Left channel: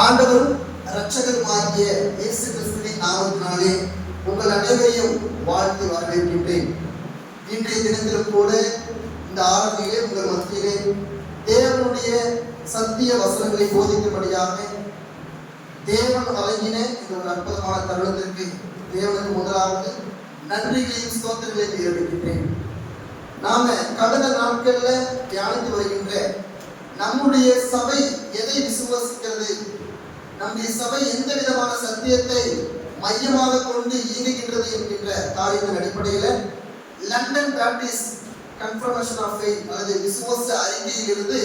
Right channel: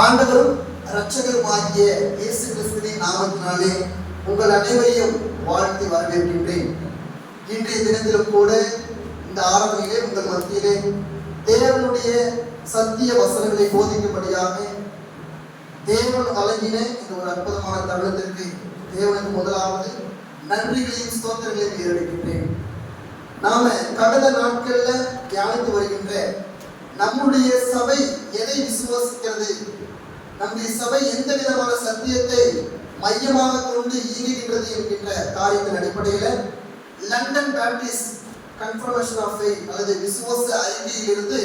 ஆண்டவரும் இரட்சகருமாகிய இயேசு கிறிஸ்துவின் நாமத்தினாலே உங்கள் அனைவரையும் வாழ்த்து வரவேற்கின்றேன். இன்றைய தினத்திலும் கூட இந்த ஆராதனையிலே உங்கள் மத்தியிலே தேவனுடைய சத்திய வசனங்களை போதிக்கும்படியாக தேவன் வழங்கின இந்த ஒரு அற்புதமான தருணத்திற்கு தேவனுக்கு முதலாவது நன்றிகளையும் ஸ்தோத்திரங்களையும் ஏற்படுகின்றேன். நாம கடந்த நாட்கள்ல தியானித்து வருகின்ற நம்முடைய சபை எதை விசுவாசிக்கிறது, நம்முடைய சபை எந்த விதமான சத்தியத்தை மையமாக கொண்டு இயங்குகின்றது என்கின்ற காரியத்தின் அடிப்படையில London Baptist confirmation of faith அல்லது விசுவாச அறிக்கையிலிருந்து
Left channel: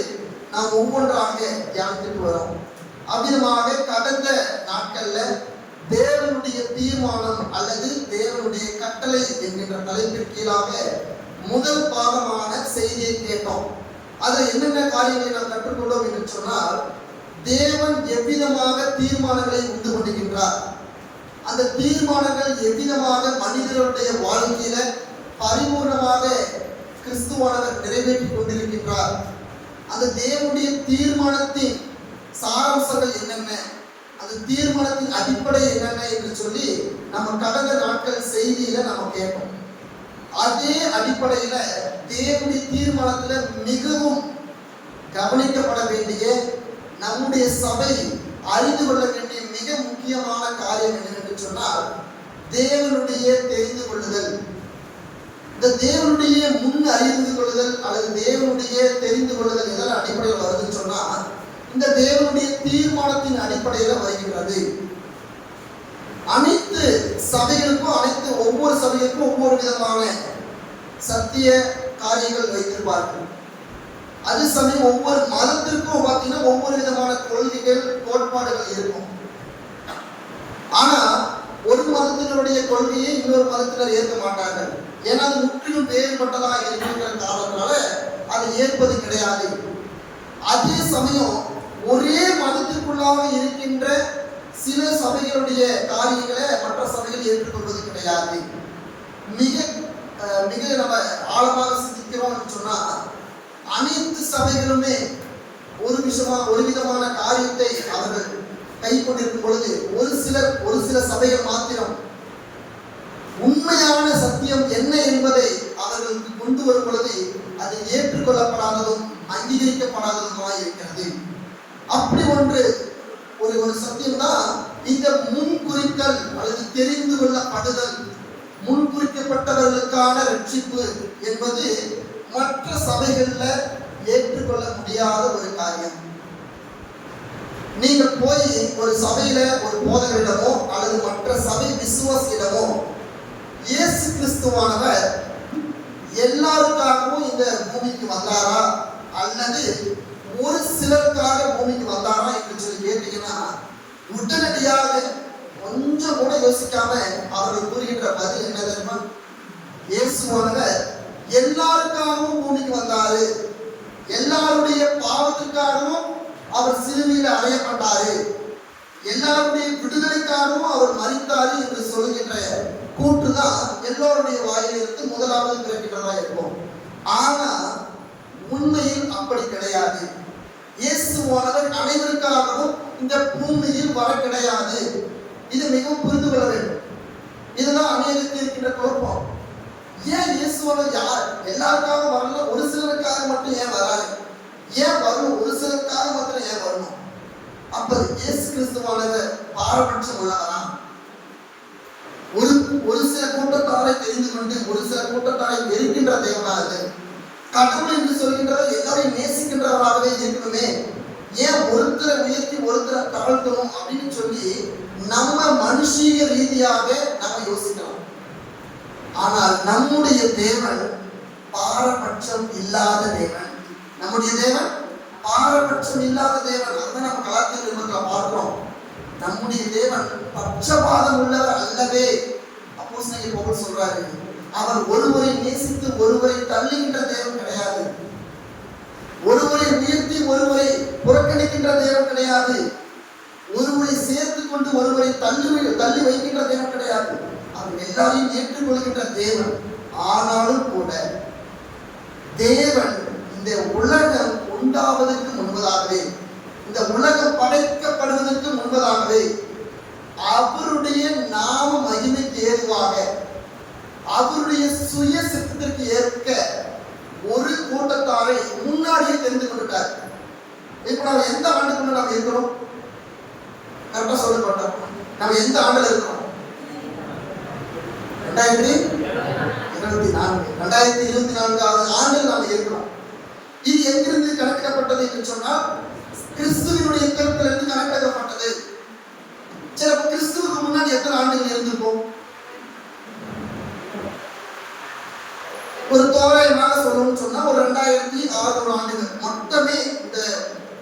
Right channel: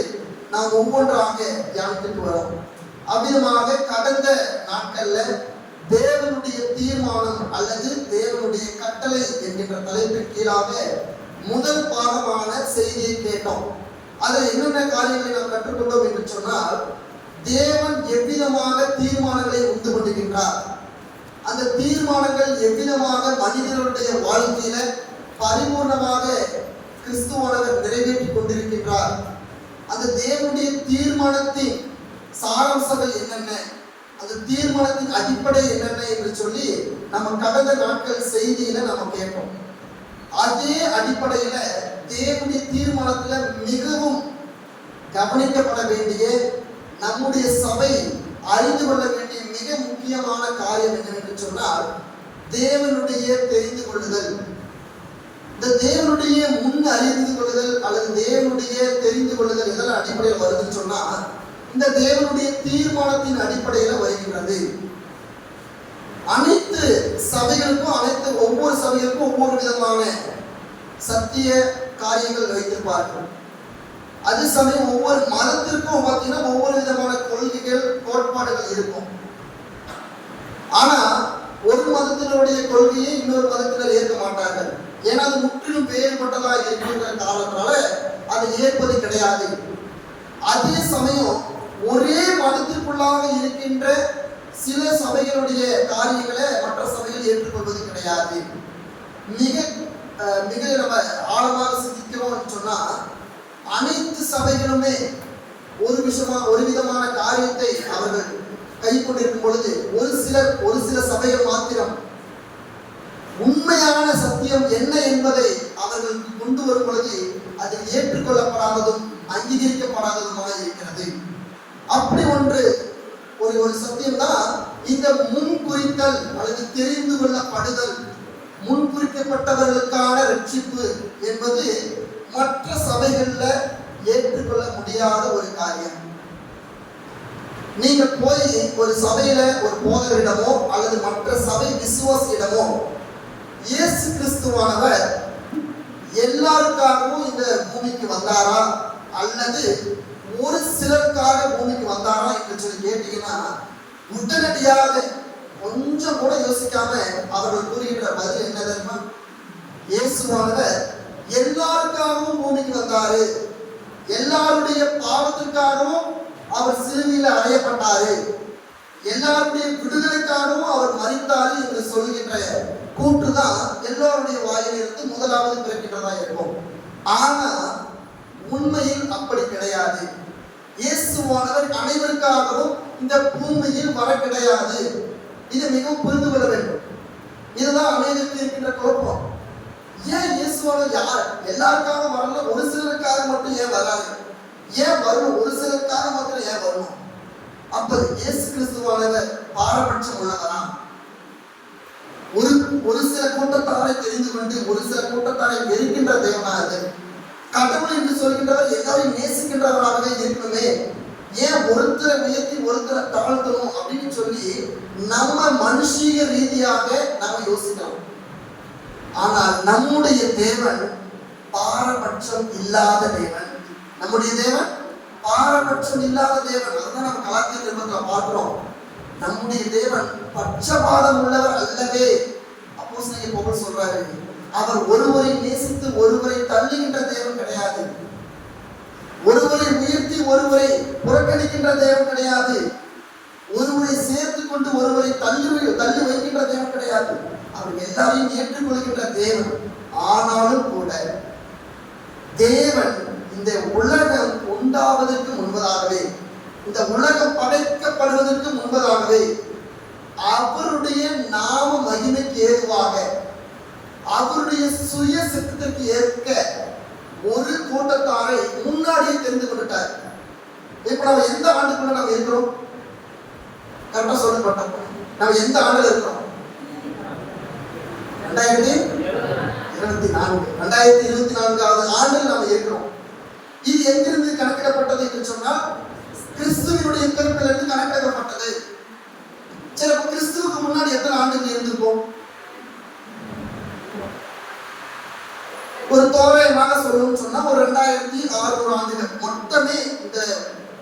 நாம் ஒவ்வொன்றாக தியானித்துட்டு வரோம். அவ்விதமாக கடந்த நாட்கள்ல தேவனுடைய தீர்மானம் அல்லது தேவனுடைய கட்டளை என்கின்ற தலைப்பின் கீழாக முதல் பாகமான செய்தியை கேட்டோம். அதில் என்னென்ன காரியங்களை நாம் கற்றுக்கொண்டோம் என்று சொன்னால், தேவன் எவ்விதமாக தீர்மானங்களை உண்டு பண்ணுகின்றார், அந்த தீர்மானங்கள் எவ்விதமாக மனிதர்களுடைய வாழ்க்கையில பரிபூர்ணமாக கிறிஸ்துவானவர் நிறைவேற்றிக் கொண்டிருக்கின்றார், அந்த தேவனுடைய தீர்மானத்தின் சாராம்சங்கள் என்னென்ன, அந்த தீர்மானத்தின் அடிப்படை என்னென்ன என்று சொல்லி நம்ம கடந்த நாட்கள் செய்தியில நம்ம கேட்டோம். அதே அடிப்படையில தேவனுடைய தீர்மானத்துல மிகவும் கவனிக்கப்பட வேண்டிய, நம்முடைய சபை அறிந்து கொள்ள வேண்டிய மிக முக்கியமான காரியம் என்னவென்று சொன்னால் தேவனுடைய தெரிந்து கொள்ளுதல். இந்த தேவனுடைய முன் அறிந்து கொள்ளுதல் அல்லது தேவனுடைய தெரிந்து கொள்ளுதல் எதன் அடிப்படையில் வருதுன்னு சொன்னா இந்த தேவனுடைய தீர்மானத்தின் அடிப்படையில வருகின்றது. அனைத்து சபைகளுக்கும் ஒவ்வொரு சபைகளுக்கும் ஒவ்வொரு விதமான சத்திய காரியங்கள் வைத்திருப்பார்கள். அது சமயம் ஒவ்வொரு மதத்திற்கும் பார்த்தீங்கன்னா ஒவ்வொரு விதமான கொள்கைகள் கோட்பாடுகள் இருக்கும். ஆனா ஒரு மதத்தினுடைய கொள்கையை இன்னொரு மதத்தினர் ஏற்க மாட்டார்கள். ஏன்னா அது முற்றிலும் வேறுபட்டதாக இருக்கின்ற காரணத்தால அதை ஏற்பது கிடையாது. அதே சமயம் ஒரே மதத்திற்குள்ளாக இருக்கின்ற சில சபைகளுடைய காரியங்களை மற்ற சபைகள் ஏற்றுக்கொள்வது கிடையாது. மிக நம்ம ஆழமாக சிந்திக்கிறோம் சொன்னா அனைத்து சபைகளுமே ஒரு விதமான காரியத்தை அவர்கள் கை கொண்டிருக்கும் பொழுது ஒரு சில சபைகள் மாத்திரம் உண்மையான சத்தியம் என்ன என்பதை அவர்களுக்கு கொண்டு வரும் பொழுது அது ஏற்றுக்கொள்ளப்படாததும் அங்கீகரிக்கப்படாததுமாக இருக்கிறது. அப்படி ஒரு சத்தியம் தான் இந்த முன்குறித்தல் அல்லது தெரிந்து கொள்ளப்படுதல், முன்குறிக்கப்பட்டவர்களுக்கான ரட்சிப்பு என்பது மற்ற சபைகள்ல ஏற்றுக்கொள்ள முடியாத ஒரு காரியம். நீங்கள் போய் ஒரு சபையில ஒரு போதகரிடமோ அல்லது மற்ற சபை விசுவாசியிடமோ இயேசு கிறிஸ்துவானவர் எல்லாருக்காகவும் இந்த பூமிக்கு வந்தாரா அல்லது ஒரு சிலருக்காக பூமிக்கு வந்தாரா என்று சொல்லி கேட்டீங்கன்னா உடனடியாக கொஞ்சம் கூட யோசிக்காம அவர்கள் கூறுகின்ற பதில் என்ன தெரியுமா? இயேசுவானவர் எல்லாருக்காகவும் பூமிக்கு வந்தாரு, எல்லாருடைய பாவத்திற்காகவும் அவர் சிலுவையில் அறையப்பட்டாரு, எல்லாருடைய விடுதலைக்காகவும் அவர் மரித்தாரு என்று சொல்கின்ற கூற்றுதான் எல்லோருடைய வாயிலிருந்து முதலாவது பிறக்கின்றதா இருக்கும். ஆனா உண்மையில் அப்படி கிடையாது. இயேசுவானவர் அனைவருக்காகவும் இந்த பூமியில் வர கிடையாது. இது மிகவும் புரிந்து கொள்ள வேண்டும். இதுதான் அனைவருக்கு இருக்கின்ற குழப்பம். ஏன் இயேசுவானவர் எல்லாருக்காக வரல, ஒரு சிலருக்காக மட்டும் ஏன் வராது, ஏன் வரணும், ஒரு சிலருக்காக மட்டும் ஏன் வரணும்? அப்ப இயேசு கிறிஸ்துவானவர் பாரபட்சம் உள்ளவரா? ஒரு சில கூட்டத்தாரை தெரிந்து கொண்டு ஒரு சில கூட்டத்தாரை வெறுக்கின்ற தேவனாக கடவுள் என்று சொல்கின்றவர் எல்லாரையும் நேசிக்கின்றவராகவே இருக்கணுமே, ஏன் ஒருத்தரை உயர்த்தி ஒருத்தரை தாழ்த்தணும் அப்படின்னு சொல்லி நம்ம மனுஷீக ரீதியாக நம்ம யோசிக்கிறோம். ஆனால் நம்முடைய தேவன் பாரபட்சம் இல்லாத தேவன். நம்முடைய தேவன் பாரபட்சம் இல்லாத தேவன். அதான் நம்ம கலாத்திய நிருபத்துல பார்க்கிறோம். நம்முடைய தேவன் பட்சபாதம் உள்ளவர் அல்லவே. அப்போஸ்தலன் பவுல் சொல்றாரு, அவர் ஒருவரை நேசித்து ஒருவரை தள்ளுகின்ற தேவன் கிடையாது, ஒருவரை உயர்த்தி ஒருவரை புறக்கணிக்கின்ற தேவன் கிடையாது, ஒருவரை சேர்த்து கொண்டு ஒருவரை தள்ளி வைக்கின்ற தேவன் கிடையாது. அவர் எல்லாரையும் ஏற்றுக்கொள்கின்ற தேவன். ஆனாலும் கூட தேவன் இந்த உலகம் உண்டாவதற்கு முன்பதாகவே, இந்த உலகம் படைக்கப்படுவதற்கு முன்பதாகவே அவருடைய நாம மகிமைக்கு ஏதுவாக அவருடைய சுய சித்தத்திற்கு ஏற்க ஒரு கூட்டத்தாரை முன்னாடியே தெரிந்து கொண்டுட்டார். இப்ப நம்ம எந்த ஆண்டுக்குள்ள நம்ம இருக்கிறோம்? கரெக்டா சொல்லப்பட்டோம். நம்ம எந்த ஆண்டுல இருக்கிறோம்? 2024 ஆண்டில் நாம் இருக்கிறோம். இது எங்கிருந்து கணக்கிடப்பட்டது என்று சொன்னால் கிறிஸ்துவினுடைய பிறப்பிலிருந்து கணக்கிடப்பட்டது. சில கிறிஸ்துவுக்கு முன்னாடி எத்தனை ஆண்டுகள் இருந்திருக்கும்? ஒரு தோராயமாக சொல்லணும்னு சொன்னா ஒரு 2600 ஆண்டுகள் மொத்தமே. இந்த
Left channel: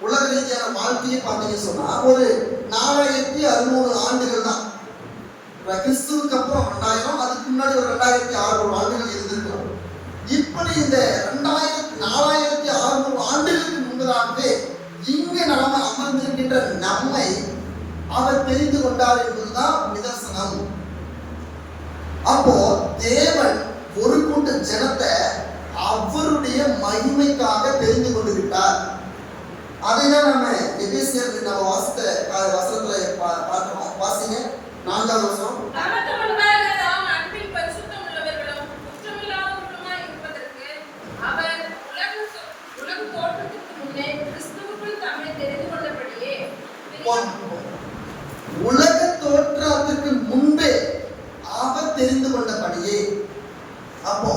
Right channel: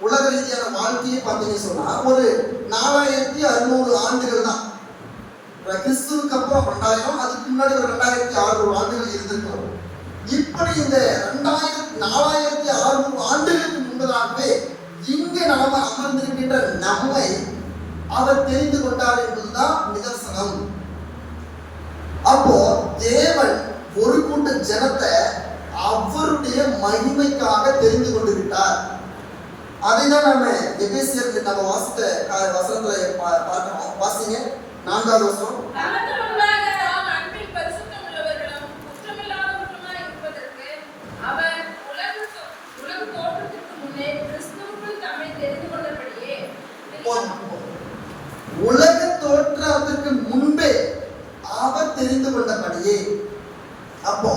உலக ரீதியான வாழ்க்கையை பார்த்தீங்கன்னு சொன்னா ஒரு 4600 ஆண்டுகள் தான். கிறிஸ்துவுக்கு அப்புறம் 2000, அதுக்கு முன்னாடி ஒரு 2600 ஆண்டுகள் இருந்திருக்கிறோம். இப்படி இந்த 4600 ஆண்டுகளுக்கு முன்பதாகவே இங்கு நாம அமர்ந்திருக்கின்ற நம்மை அவர் தெரிந்து கொண்டார் என்பதுதான் நிதர்சனம். அப்போ தேவன் ஒரு கூட்ட ஜனத்தை அவருடைய மகிமைக்காக தெரிந்து கொண்டு விட்டார். அதைதான் நாம எபேசியர் நம்ம வாசித்த வசனத்துல பார்க்கிறோம். வாசிங்க 4வது வசனம். உலக தோற்றத்திற்கு முன்பே அவர் தெரிந்து கொண்டபடியே. அப்போ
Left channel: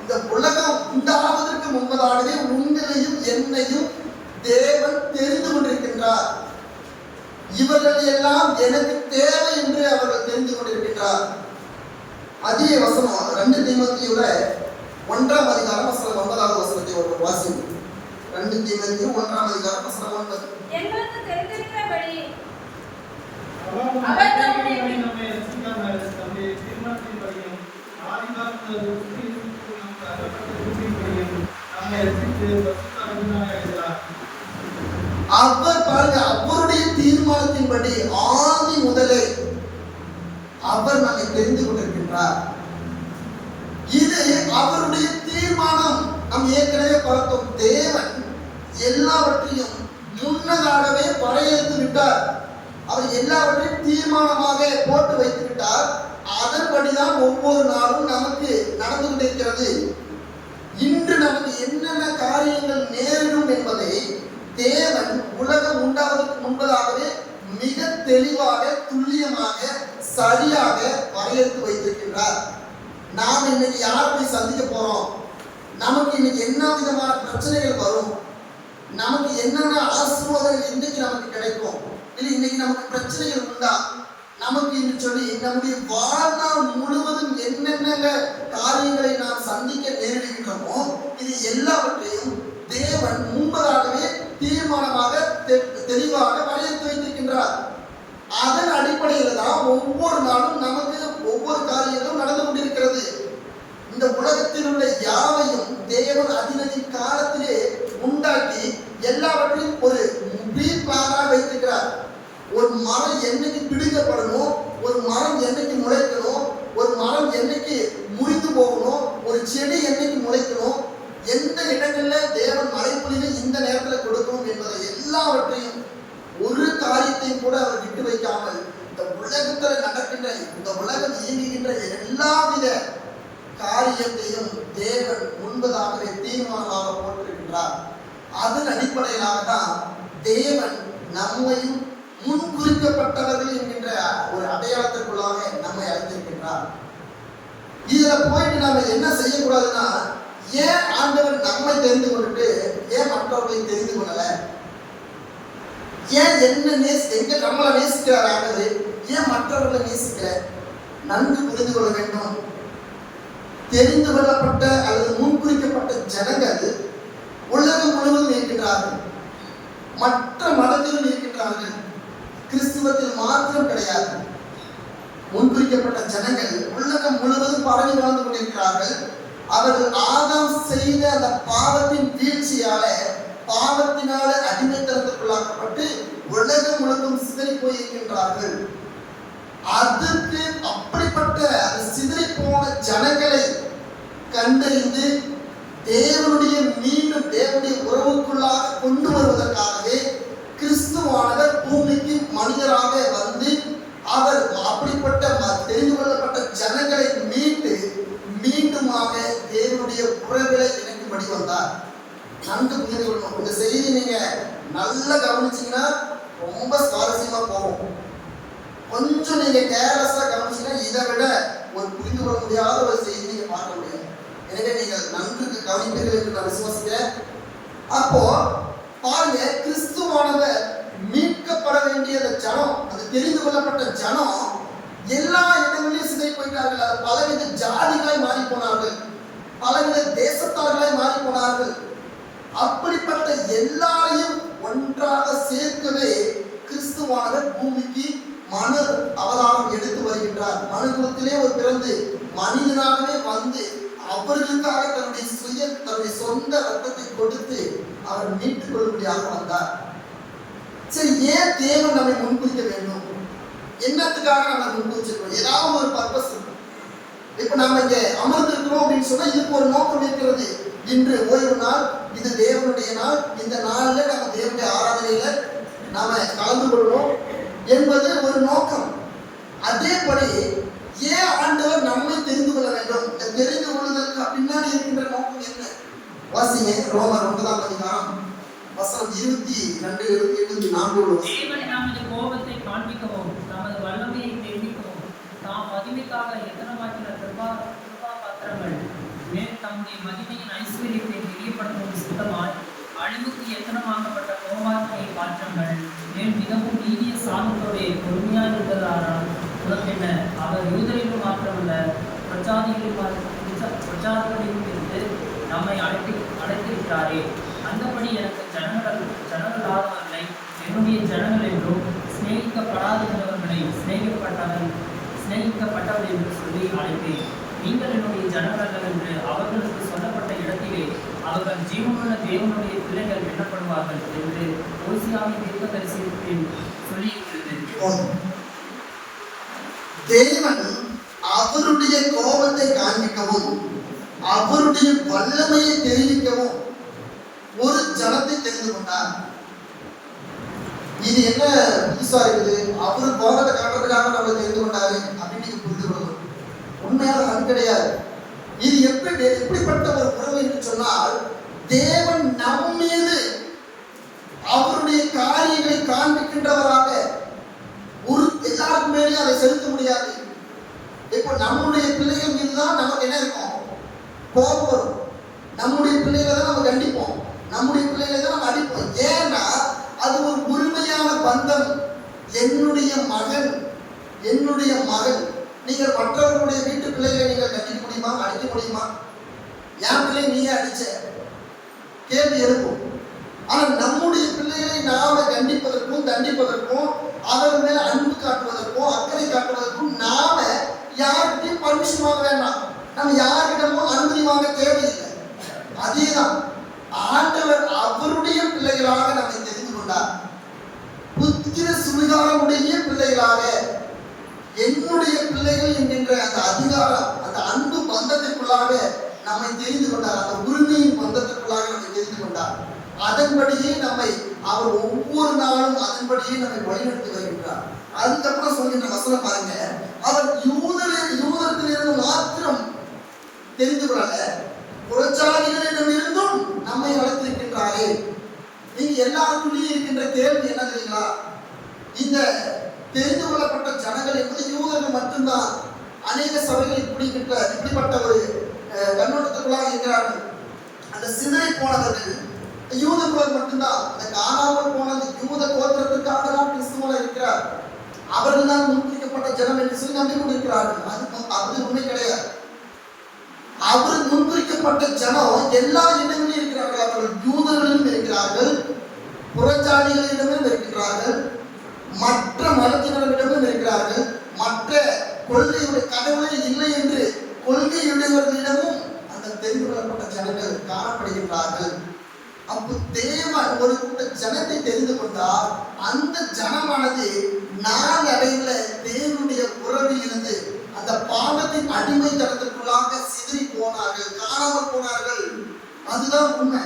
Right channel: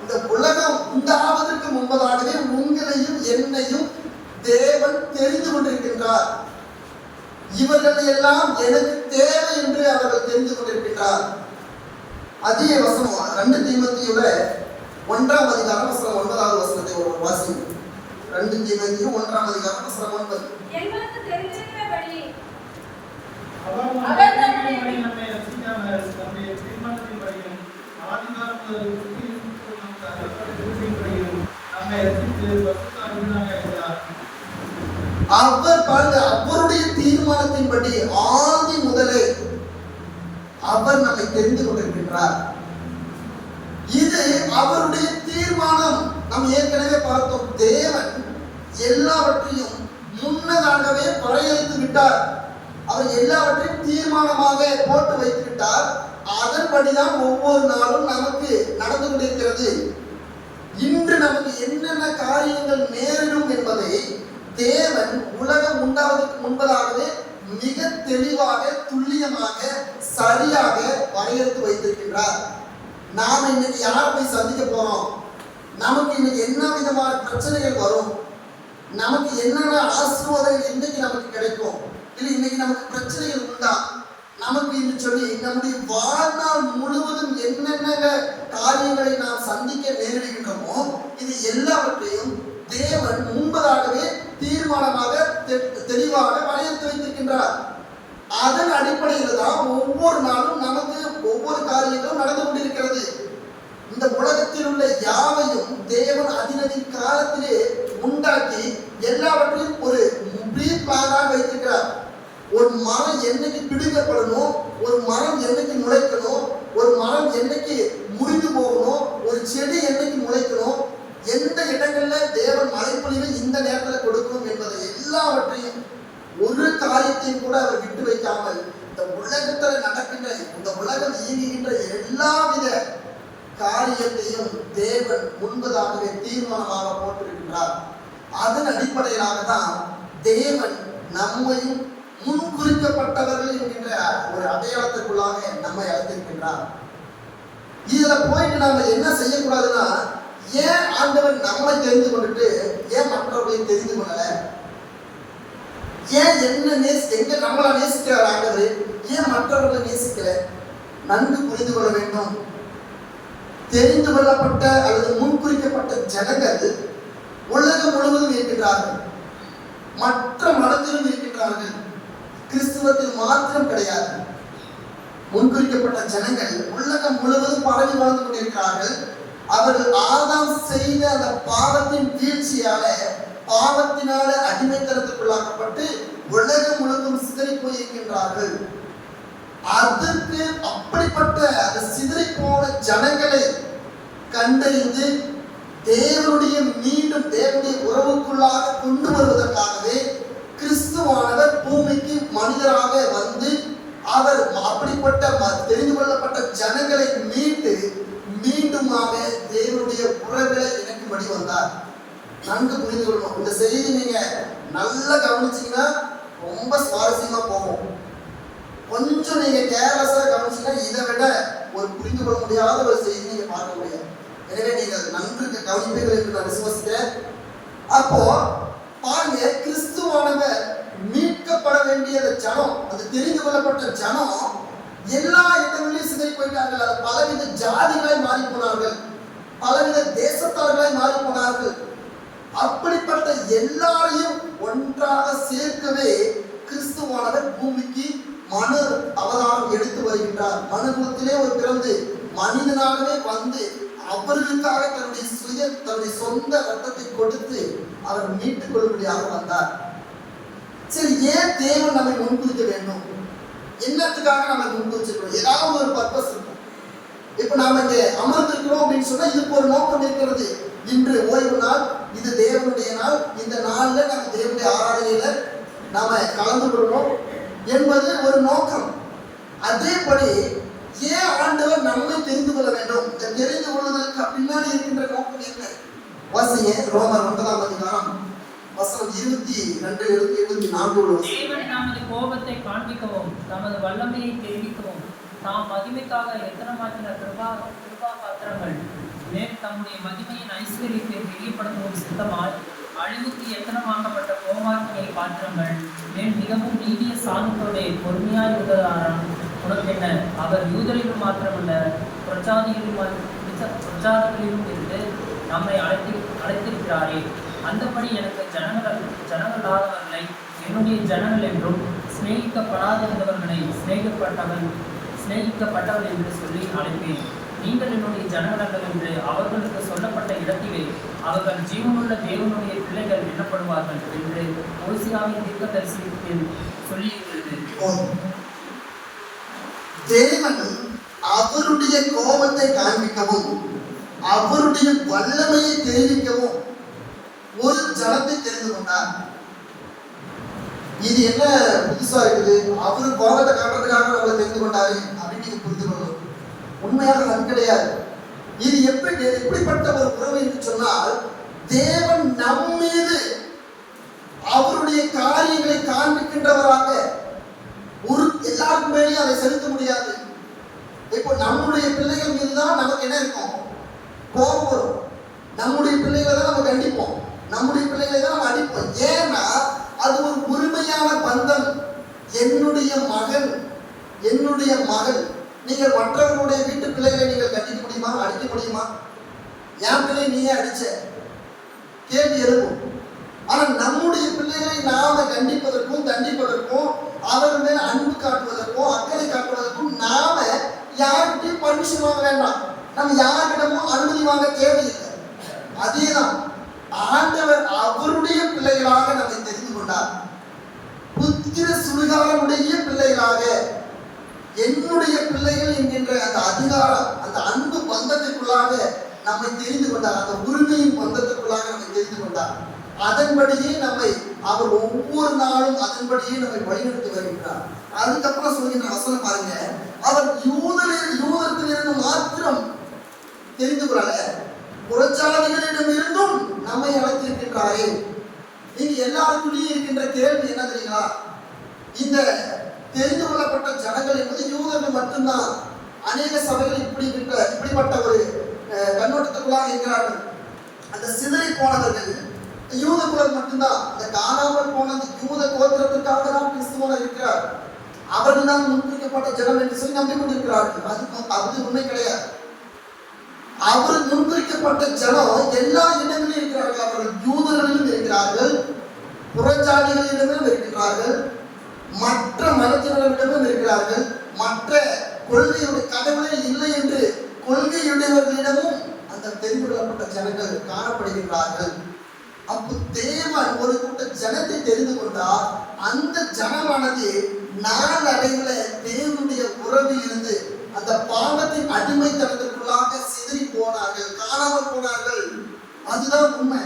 இந்த உலகம் உண்டாவதற்கு முன்பதாகவே உங்களையும் என்னையும் தேவன் தெரிந்து கொண்டிருக்கின்றார். இவர்கள் எல்லாம் எனக்கு தேவை என்று அவர்கள் தெரிந்து கொண்டிருக்கின்றார். அதே வசனம் 2 தீமோத்தேயுல 1ஆம் அதிகாரம் வசனம் 9வது வசனத்தை ஒரு வாசி. 2 தீமோத்தேயு 1ஆம் அதிகாரம் வசனம் 9. எங்களுக்கு தெரிந்திருக்கிறபடி அவர் நம்மை ரட்சித்தார். தம்முடைய தீர்மானத்தின்படியும் ஆதிகாலத்தில் நம்மை ரட்சித்து பரிசுத்தராக இருக்கிறார். அவர் பாருங்க, அவருடைய தீர்மானத்தின்படி ஆதி முதலே அவர் நம்மை தெரிந்து கொண்டிருக்கின்றார். இது அவருடைய தீர்மானம். நாம் ஏற்கனவே பார்த்தோம். தேவன் எல்லாவற்றையும் முன்னதாகவே படையெடுத்து விட்டார். அவர் எல்லாவற்றையும் தீர்மானமாக போட்டு வைத்து விட்டார். அதன்படிதான் ஒவ்வொரு நாளும் நமக்கு நடந்து கொண்டிருக்கிறது. இன்று நமக்கு என்னென்ன காரியங்கள் நேரிடும் என்பதை தேவன் உலகம் உண்டாவதற்கு முன்பதாகவே மிக தெளிவாக துல்லியமாக சரியாக வரையறுத்து வைத்திருக்கின்றார். நாம் இன்னைக்கு யார் போய் சந்திக்க போறோம், நமக்கு இன்னைக்கு என்ன விதமான பிரச்சனைகள் வரும், நமக்கு என்னென்ன ஆசீர்வாதங்கள் இன்னைக்கு நமக்கு கிடைக்கும், இல்லை இன்னைக்கு நமக்கு பிரச்சனைகள் உண்டா, நமக்கு என்று சொல்லி நம்முடைய வாழ்நாள் முழுவதும் என்னென்ன காரியங்களை நாம் சந்திக்க நேரிடுகின்றோமோ இது எல்லாவற்றையும் தேவன் முன்பதாகவே தீர்மானமாக தெளிவாக வரையறுத்து வைத்திருக்கின்றார். அதன் அடிப்படையில் தான் ஒவ்வொரு நாளும் நமக்கு ஒவ்வொரு காரியங்களும் நடந்து கொண்டிருக்கிறது. இந்த உலகத்தில் உள்ள யாவையும் தேவன் அதினதின் காலத்திலே உண்டாக்கி எல்லாவற்றையும் ஒரு பிரீஃபாக வைத்திருக்கிறார். ஒரு மரம் என்னைக்கு பிடிக்கப்படணும், ஒரு மரம் என்னைக்கு முளைக்கணும், ஒரு மரம் என்னைக்கு முறிந்து போகணும், ஒரு செடி என்னைக்கு முளைக்கணும், எந்த இடங்கள்ல தேவன் மழைப்பொழிவை இந்த நேரத்தில் கொடுக்கணும் என்பதை எல்லாவற்றையும் ஒரு காரியத்தையும் கூட அவர் விட்டு வைக்காமல் இந்த உலகத்தில் நடக்கின்ற, இந்த உலகம் இயங்குகின்ற எல்லாவித காரியத்தையும் தேவன் முன்பதாகவே தீர்மானமாக போட்டிருக்கின்றார். அதன் அடிப்படையிலாக தான் தேவன் நம்மையும் முன்குறிக்கப்பட்டவர்கள் என்கின்ற ஒரு அடையாளத்திற்குள்ளாக நம்மை அழைத்திருக்கின்றார். இதுல போயிட்டு நாம என்ன செய்யக்கூடாதுன்னா, ஏன் ஆண்டவர் நம்மை தெரிந்து கொண்டுட்டு ஏன் மற்றவர்களை தெரிந்து கொள்ளல, ஏன் எங்க நம்மளை நேசிக்கிறார் ஆண்டவர், ஏன் மற்றவர்களை நேசிக்கிற, நன்கு புரிந்து கொள்ள வேண்டும். தெரிந்து கொள்ளப்பட்ட அல்லது முன்குறிக்கப்பட்ட ஜனங்கள் உலகம் முழுவதும் இருக்கின்றார்கள், மற்ற மதத்திலும் இருக்கின்றார்கள், கிறிஸ்துவத்தில் மாத்திரம் கிடையாது. முன்குறிக்கப்பட்ட ஜனங்கள் உலகம் முழுவதும் பரவி வாழ்ந்து கொண்டிருக்கிறார்கள். அவர்கள் ஆதாம் செய்த அந்த பாவத்தின் வீழ்ச்சியால, பாவத்தினால அடிமைத்தனத்துக்குள்ளாக்கப்பட்டு உலகம் முழுவதும் சிதறி போயிருக்கின்றார்கள். அதற்கு அப்படிப்பட்ட அந்த சிதறி போன ஜனங்களை கண்டறிந்து தேவனுடைய மீண்டும் தேவனுடைய உறவுக்குள்ளாக கொண்டு வருவதற்காகவே கிறிஸ்துவானவர் பூமிக்கு மனிதராக வந்து அவர் அப்படிப்பட்ட தெரிந்து கொள்ளப்பட்ட ஜனங்களை மீட்டு மீண்டுமாக தேவனுடைய உறவுகளை இணைக்கும்படி வந்தார். நன்கு புரிந்து கொள்ளணும். இந்த செய்தி நீங்க நல்லா கவனிச்சீங்கன்னா ரொம்ப சுவாரஸ்யமா போகும். கொஞ்சம் நீங்க கேர்லெஸ்ஸா கவனிச்சீங்கன்னா இதை விட ஒரு புரிந்து கொள்ள முடியாத ஒரு செய்தி நீங்க பார்க்க முடியும். எனவே நீங்க நன்கு கவனிப்பீர்கள் என்று நான் விசுவாசிக்கிறேன். அப்போ பாருங்க, கிறிஸ்துவானவர் மீட்கப்பட வேண்டிய ஜனம், அது தெரிந்து கொள்ளப்பட்ட ஜனம் எல்லா இடங்களிலும் சிதை போயிட்டார்கள். அது பலவித ஜாதிகளாய் மாறி போனார்கள், பலவித தேசத்தார்களாய் மாறி போனார்கள். அப்படிப்பட்ட எல்லாரையும் ஒன்றாக சேர்க்கவே கிறிஸ்துவானவர் பூமிக்கு மனு அவதாரம் எடுத்து வருகின்றார். மனுகுலத்திலே ஒரு பிறந்து மனிதனாகவே வந்து அவர்களுக்காக தன்னுடைய சொந்த ரத்தத்தை கொடுத்து அவர் மீட்டுக் கொள்ளும்படியாக வந்தார். சரி, ஏன் தேவன் நம்மை முன்குறிக்க வேண்டும்? என்னத்துக்காக நம்ம முன்குறிச்சிருக்கோம்? ஏதாவது ஒரு பர்பஸ் இருக்கும். இப்ப நாம இங்க அமர்ந்திருக்கிறோம் அப்படின்னு சொன்னா இதுக்கு ஒரு நோக்கம் இருக்கிறது. இன்று ஓய்வு நாள், இது தேவனுடைய நாள். இந்த நாள்ல நம்ம தேவனுடைய ஆராதனையில நாம கலந்து கொள்ளணும் என்பது ஒரு நோக்கம். அதேபடி ஏன் ஆண்டவர் நம்மை தெரிந்து கொள்ள வேண்டும்? இந்த தெரிந்து கொள்வதற்கு பின்னாடி இருக்கின்ற நோக்கம் என்ன? வாசிங்க, ரோமர் 9ஆம் அதிகாரம் வசனம் 22-24. தேவன் நமது கோபத்தை காண்பிக்கவும் நமது வல்லமையை தெரிவிக்கவும் நாம் மகிமைக்காக எத்தனமாக்கின கிருபா பாத்திரங்கள் மேல் தம்முடைய மகிமையின் ஐஸ்வர்யத்தை வெளிப்படுத்துவது சித்தமாய் அழிவுக்கு எத்தனமாக்கப்பட்ட கோமார்களை பாத்திரங்கள் மேல் மிகவும் நீதிய சாந்தத்தோடைய பொறுமையாக இருப்பதானால் உனக்கென்ன? அவர் யூதரிலும் மாத்திரமல்ல பிரச்சாரங்களிலும் இருந்து நம்மை அழைத்திருக்கிறாரே. அந்தபடி எனக்கு ஜனங்களாதவர்களை என்னுடைய ஜனங்கள் என்றும் சிநேகிக்கப்படாதவர்களை சிநேகிக்கப்பட்டவர்கள் என்று சொல்லி அழைப்பேன். நீங்கள் என்னுடைய ஜனங்கள் என்று அவர்களுக்கு சொல்லப்பட்ட இடத்திலே அவர்கள் ஜீவனுள்ள தேவனுடைய பிள்ளைகள் எண்ணப்படுவார்கள் என்று ஓசியாவின் தீர்க்கதரிசனத்தில் சொல்லியிருக்கிறது. தேவன் அவருடைய கோபத்தை காண்பிக்கவும் அவருடைய வல்லமையை தெரிவிக்கவும் ஒரு ஜனத்தை தெரிந்து கொண்டார். இது என்ன புதுசா இருக்குது? அவரு கோபத்தை காட்டுறதுக்காக நம்மளை தெரிந்து கொண்டாரு அப்படின்னு புரிந்து கொள்ளும். உண்மையாக அது கிடையாது. இது எப்படிப்பட்ட ஒரு உறவு என்று சொன்னால், தேவன் நம் மீது அவருடைய காரியங்களை காண்பிக்கின்றவராக ஒரு எல்லாருக்கும் மேலேயும் அதை செலுத்த முடியாது. இப்போ நம்முடைய பிள்ளைகள் மீது தான் நமக்கு என்ன இருக்கும்? கோபம் வரும். நம்முடைய பிள்ளைகளை தான் நம்ம கண்டிப்போம், நம்முடைய பிள்ளைகளை தான் நம்ம அடிப்போம். ஏன்னா அது ஒரு உரிமையான பந்தம். என்னுடைய மகன், என்னுடைய மகள். நீங்கள் மற்றவர்களுடைய வீட்டு பிள்ளைகளை நீங்கள் கண்டிக்க முடியுமா? அடிக்க முடியுமா? என் பிள்ளை நீயே அடிச்ச கேள்வி எழுப்பும். ஆனா நம்முடைய பிள்ளைகளை நாம கண்டிப்பதற்கும் தண்டிப்பதற்கும் அவர்கள் மேல அன்பு காட்டுவதற்கும் அக்கறை காட்டுவதற்கும் நாம யார்கிட்டையும் பர்மிஷன் வாங்க வேண்டாம். நம்ம யார்கிட்டமும் அனுமதி வாங்க தேவையில்லை. அதேதான் ஆண்டவர் அவருடைய பிள்ளைகளாக நம்மை தெரிந்து கொண்டார். புத்திர சுவிகாரமுடைய பிள்ளைகளாக, என்னுடைய பிள்ளைகள் என்கின்ற அந்த அதிகாரம், அந்த அன்பு பந்தத்திற்குள்ளாக நம்மை தெரிந்து கொண்டார். அந்த உரிமையின் பந்தத்திற்குள்ளாக நம்மை தெரிந்து கொண்டார். அதன்படியே நம்மை அவர் ஒவ்வொரு நாளும் அதன்படியே நம்மை வழிநடத்தி வருகின்றார். அதுக்கப்புறம் சொல்கின்ற வசனம் பாருங்க, அவர் யூதத்திலிருந்து மாத்திரம் தெரிந்து கொள்ளல, புறச்சாதிகளிடம் இருந்தும் நம்மை அழைத்திருக்கின்றாரே. இங்க எல்லாருக்குள்ளேயும் இருக்கின்ற கேள்வி என்ன தெரியுங்களா? இந்த தெரிந்து கொள்ளப்பட்ட ஜனங்கள் என்பது யூதர்கள் மட்டும்தான். அநேக சபைகள் இப்படிப்பட்ட ஒரு கண்ணோட்டத்துக்குள்ளாக இருக்கிறார்கள். அந்த சிதறி போனவர்கள் யூத குலம் மட்டும்தான். இந்த காணாமல் போனது யூத கோத்திரத்திற்காக தான் கிறிஸ்துவா இருக்கிறார். அவர்கள் தான் முன்குறிக்கப்பட்ட ஜனம் என்று சொல்லி நம்பி கொண்டிருக்கிறார்கள். அது உண்மை கிடையாது. அவர் முன்குறிக்கப்பட்ட ஜனம் எல்லா இடங்களிலும் இருக்கிறார்கள். அவர்கள் யூதர்களிலும் இருக்கிறார்கள், புறச்சாதிகளிடமும் இருக்கிறார்கள், மற்ற மதத்தினரிடமும் இருக்கிறார்கள், மற்ற கொள்கையுடைய கடவுளே இல்லை என்று கொள்கையுடையவர்களிடமும் அந்த தெரிந்து கொள்ளப்பட்ட ஜனங்கள் காணப்படுகின்றார்கள். அப்போ தேவன் ஒரு கூட்ட ஜனத்தை தெரிந்து கொண்டார். அந்த ஜனமானது நாளடைவுல தேவனுடைய உறவில் இருந்து அந்த பாவத்தின் அடிமைத்தனத்திற்குள்ளாக சிதறி போனார்கள், காணாமல் போனார்கள். அதுதான் உண்மை.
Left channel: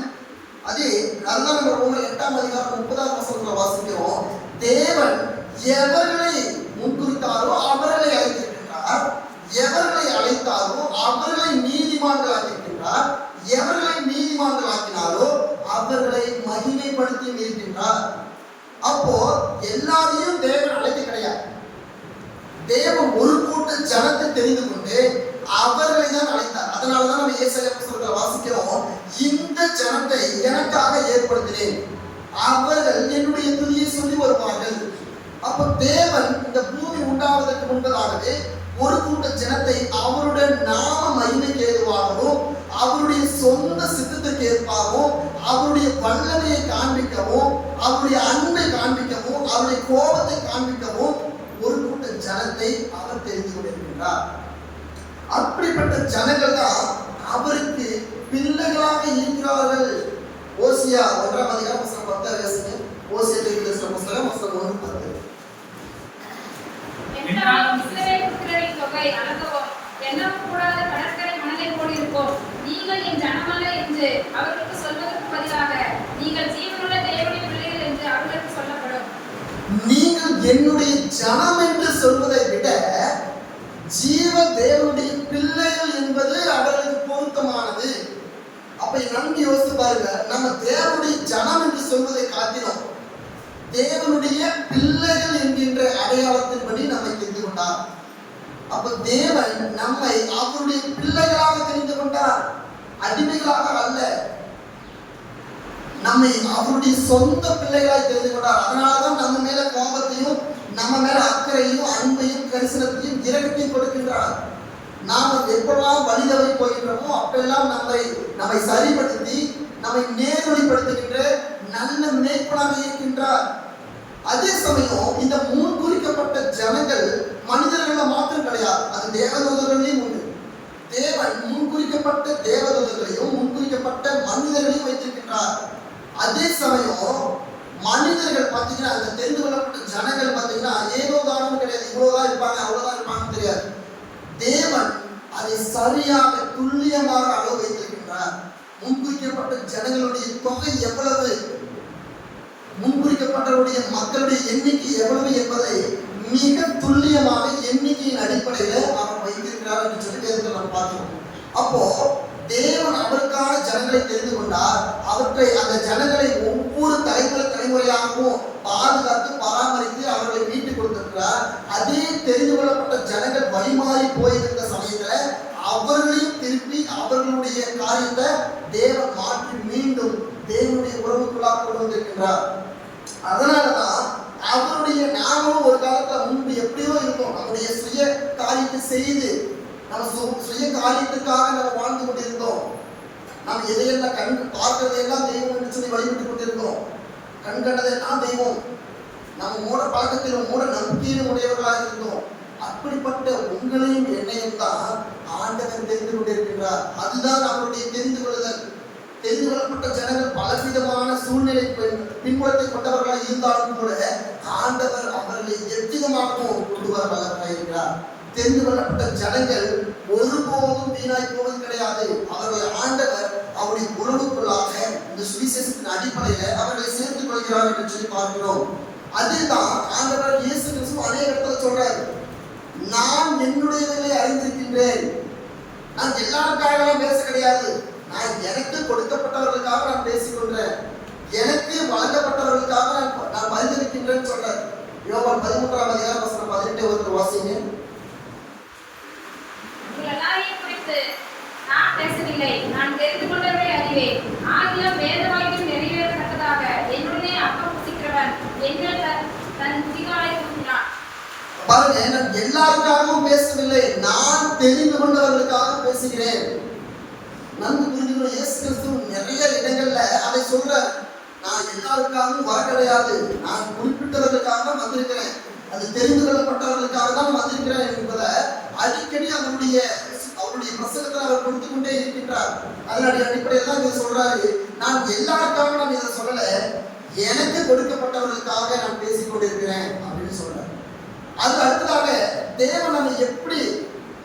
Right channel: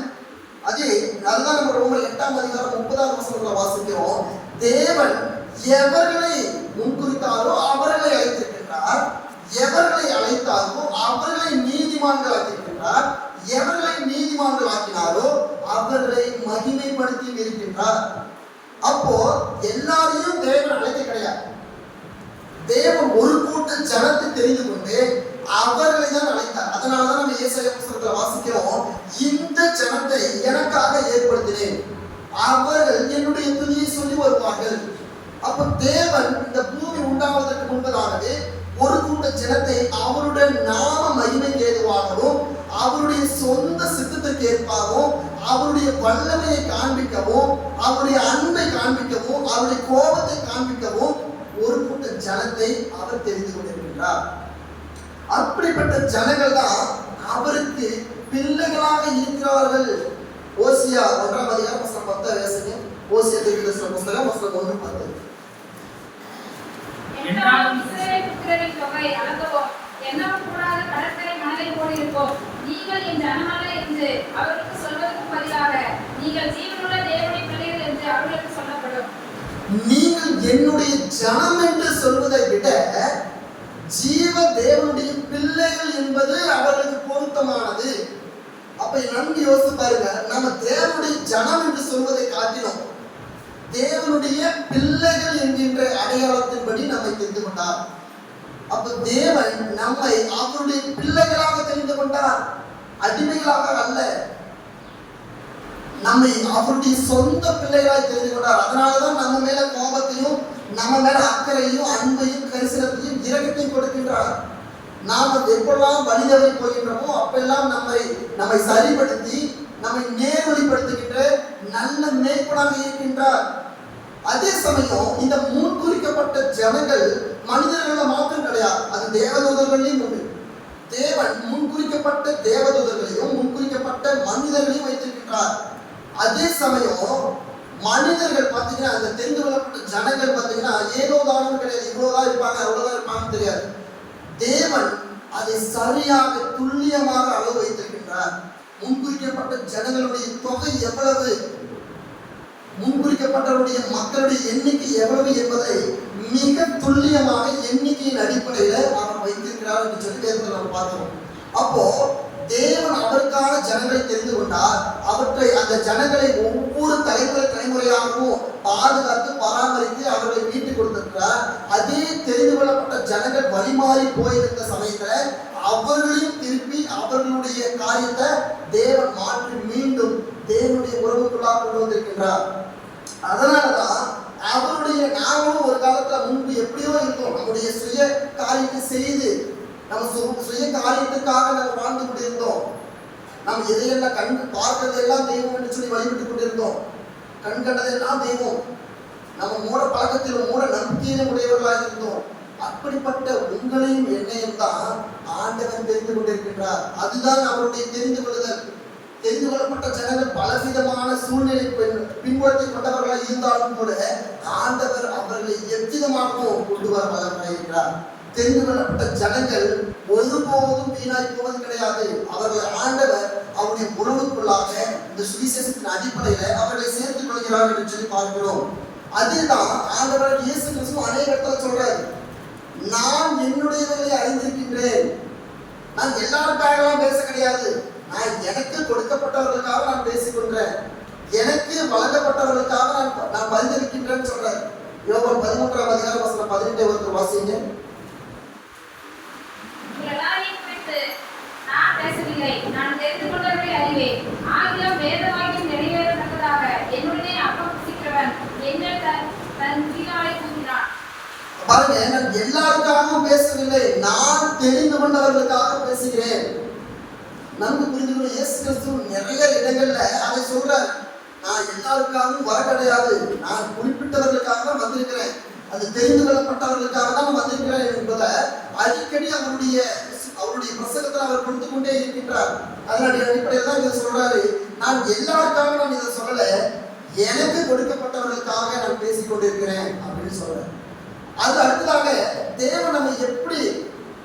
அதுதான் நம்ம ரோமர் 8:30 வாசிக்கிறோம். தேவன் எவர்களை முன்குறித்தாரோ அவர்களை அழைத்திருக்கின்றார், எவர்களை அழைத்தாரோ அவர்களை நீதிமான்கள் ஆக்கியிருக்கின்றார், எவர்களை நீதிமான்கள் ஆக்கினாரோ அவர்களை மகிமைப்படுத்தி இருக்கின்றார். அப்போ எல்லாரையும் தேவன் அழைக்க கிடையாது. தேவன் ஒரு கூட்ட ஜனத்தை தெரிந்து கொண்டு அவர்களை தான் அழைத்தார். அதனாலதான் நம்ம ஏசாயா புத்தகத்துல வாசிக்கிறோம், இந்த ஜனத்தை எனக்காக ஏற்படுத்தினேன், அவர்கள் என்னுடைய துதியை சொல்லி வருவார்கள். அப்ப தேவன் இந்த பூமி உண்டாவதற்கு முன்பதாகவே ஒரு கூட்ட ஜனத்தை அவருடைய நாம மகிமைக்கு ஏதுவாகவும் அவருடைய சொந்த சித்தத்துக்கு ஏற்பாகவும் அவருடைய வல்லமையை காண்பிக்கவும் அவருடைய அன்பை காண்பிக்கவும் அவருடைய கோபத்தை காண்பிக்கவும் ஒரு கூட்ட ஜனத்தை அவர் தெரிந்து கொண்டிருக்கின்றார். அப்படிப்பட்ட ஜனங்கள் தான் அவருக்கு பிள்ளைகளாக இருக்கிறார்கள். ஓசியா 1:10 ஓசியா புத்தகம் 1:10. என்றாலும் இஸ்ரவேல் புத்திரரின் தொகை அளக்கவும் எண்ணக்கூடாத கடற்கரை மணலை போல் இருக்கும். நீங்கள் என் ஜனமான என்று அவர்களுக்கு சொல்வதற்கு பதிலாக நீங்கள் ஜீவனுள்ள தேவனுடைய பிள்ளைகள் என்று அவர்களுக்கு சொல்லப்படும். நீங்கள் என்னுடைய ஜனம் என்று சொல்வதை விட ஜீவ தேவனுடைய பிள்ளைகள் என்பது அவர்களுக்கு பொருத்தமானது. அப்ப நன்கு யோசித்து பாருங்க, நம்ம தேவனுடைய ஜனம் என்று சொல்வதை காட்டிலும் தேவனுடைய பிள்ளைகள் என்கின்ற அடையாளத்தின்படி நம்மை தெரிந்து கொண்டார். அப்ப தேவன் நம்மை அவருடைய பிள்ளைகளாக தெரிந்து கொண்டார், அடிமைகளாக அல்ல. நம்மை அவருடைய சொந்த பிள்ளைகளாக தெரிந்து கொண்டார். அதனாலதான் நம்ம மேல கோபத்தையும் நம்ம மேல அக்கறையும் அன்பையும் கரிசனத்தையும் இரக்கத்தையும் கொடுக்கின்றார். நாம் எப்பெல்லாம் வழிதவறி போகின்றோமோ அப்பெல்லாம் நம்மை சரிப்படுத்தி நம்மை நேர்வழிப்படுத்துகின்ற நல்ல மேய்ப்பனாக இருக்கின்றார். அதே சமயம் இந்த முன்குறிக்கப்பட்ட ஜனங்கள் மனிதர்கள் மாத்திரம் கிடையாது, அது தேவதூதர்களையும் உண்டு. தேவன் முன்குறிக்கப்பட்ட தேவதூதர்களையும் முன்குறிக்கப்பட்ட மனிதர்களையும் வைத்திருக்கின்றார். அதே சமயம் மனிதர்கள் பார்த்தீங்கன்னா அந்த தெரிந்து கொள்ளப்பட்ட ஜனங்கள் பார்த்தீங்கன்னா ஏதோ தானம் கிடையாது, இவ்வளவுதான் இருப்பாங்க அவ்வளவுதான் இருப்பாங்கன்னு தெரியாது. தேவன் அதை சரியாக துல்லியமாக அளவு வைத்திருக்கின்றார். முன்குறிக்கப்பட்ட ஜனங்களுடைய தொகை எவ்வளவு, முன்குறிக்கப்பட்டவருடைய மக்களுடைய எண்ணிக்கை எவ்வளவு என்பதை மிக துல்லியமாக எண்ணிக்கையின் அடிப்படையில அவர் வைத்திருக்கிறார் என்று சொல்லி வேதத்தில் நம்ம பார்க்கிறோம். அப்போ தேவன் அவருக்கான ஜனங்களை தெரிந்து கொண்டார். அவற்றை அந்த ஜனங்களை ஒவ்வொரு தலைமுறையாகவும் பாதுகாத்து பராமரித்து அவர்களை மீட்டுக் கொடுத்திருக்கிறார். அதே தெரிந்து கொள்ளப்பட்ட ஜனங்கள் வழிமாறி போயிருந்த சமயத்துல அவர்களையும் திருப்பி அவர்களுடைய காரியத்தை தேவன் மாற்றி மீண்டும் தேவனுடைய உறவுக்குள்ளாக கொண்டு வந்திருக்கின்றார். அதனாலதான் அவருடைய நாமளும் ஒரு காலத்துல முன்பு எப்படியோ இருக்கும், நம்முடைய சுய காரியத்தை செய்து நம்ம சுய காரியத்துக்காக நம்ம வாழ்ந்து கொண்டிருந்தோம். நாம் எதையெல்லாம் கண் பார்க்கிறதையெல்லாம் தெய்வம் என்று சொல்லி வழிபட்டுக் கொண்டிருந்தோம். கண் கண்டதெல்லாம் தெய்வம். நம்ம மூட பழக்கத்திலும் மூட நம்பிக்கையிலும் உடையவர்களாக இருந்தோம். அப்படிப்பட்ட உங்களையும் என்னையும் தான் ஆண்டவர் தெரிந்து கொண்டிருக்கின்றார். அதுதான் அவருடைய தெரிந்து கொள்ளுதல். தெரிந்து கொள்ளப்பட்ட ஜனங்கள் பலவிதமான சூழ்நிலை பின்புலத்தை கொண்டவர்களாக இருந்தாலும் கூட ஆண்டவர் அவர்களை எவ்விதமாகவும் கொண்டு வர வல்லவராயிருக்கிறார். தெரிந்து கொள்ளப்பட்ட ஜனங்கள் ஒருபோதும் வீணாய் போவது கிடையாது. அவர்கள் ஆண்டவர் அவருடைய உறவுக்குள்ளாக இந்த சுவிசேஷத்தின் அடிப்படையில அவர்களை சேர்த்துக் கொள்கிறார் என்று சொல்லி பார்க்கிறோம். அதுதான் ஆண்டவர் இயேசு கிறிஸ்து அநேக இடத்துல சொல்றாரு, நான் என்னுடையவர்களை அறிந்திருக்கின்றேன். நான் எல்லாருக்காகவும் பேச கிடையாது, நான் எனக்கு கொடுக்கப்பட்டவர்களுக்காக நான் பேசிக்கொண்டேன், எனக்கு வழங்கப்பட்டவர்களுக்காக நான் பரிந்துரைக்கின்றேன்னு சொல்றாரு. யோவான் 13:18 வாசிங்க. நான் பேசவில்லை, நான் தெரிந்து கொண்டவரை அறிவேன். ஆகிலும் வேதவாக்கியம் நிறைவேறத்தக்கதாக என்னுடைய அப்பம் புசிக்கிறவன் எங்கள் தன் ஜீவனை கூறினான். பாருங்க, நான் எல்லாருக்காகவும் பேசவில்லை, நான் தெரிந்து கொண்டவர்களுக்காக பேசுகிறேன். நன்கு புரிஞ்சுக்கணும், இயேசு கிறிஸ்து நிறைய இடங்கள்ல அதை சொல்றார். நான் எல்லாருக்காகவும் வர கிடையாது, நான் குறிப்பிட்டவர்களுக்காக வந்திருக்கிறேன், அது தெரிந்து கொள்ளப்பட்டவர்களுக்காக தான் வந்திருக்கிறேன் என்பதை அடிக்கடி அவருடைய பிரசங்கத்தில் அவர் கொடுத்து கொண்டே இருக்கின்றார். அதனுடைய அடிப்படையில் தான் இதை சொல்றாரு, நான் எல்லாருக்காக நான் இதை சொல்லல, எனக்கு கொடுக்கப்பட்டவர்களுக்காக நான் பேசிக் கொண்டிருக்கிறேன் அப்படின்னு சொல்றாரு. அது அடுத்ததாக தேவன் நம்மை எப்படி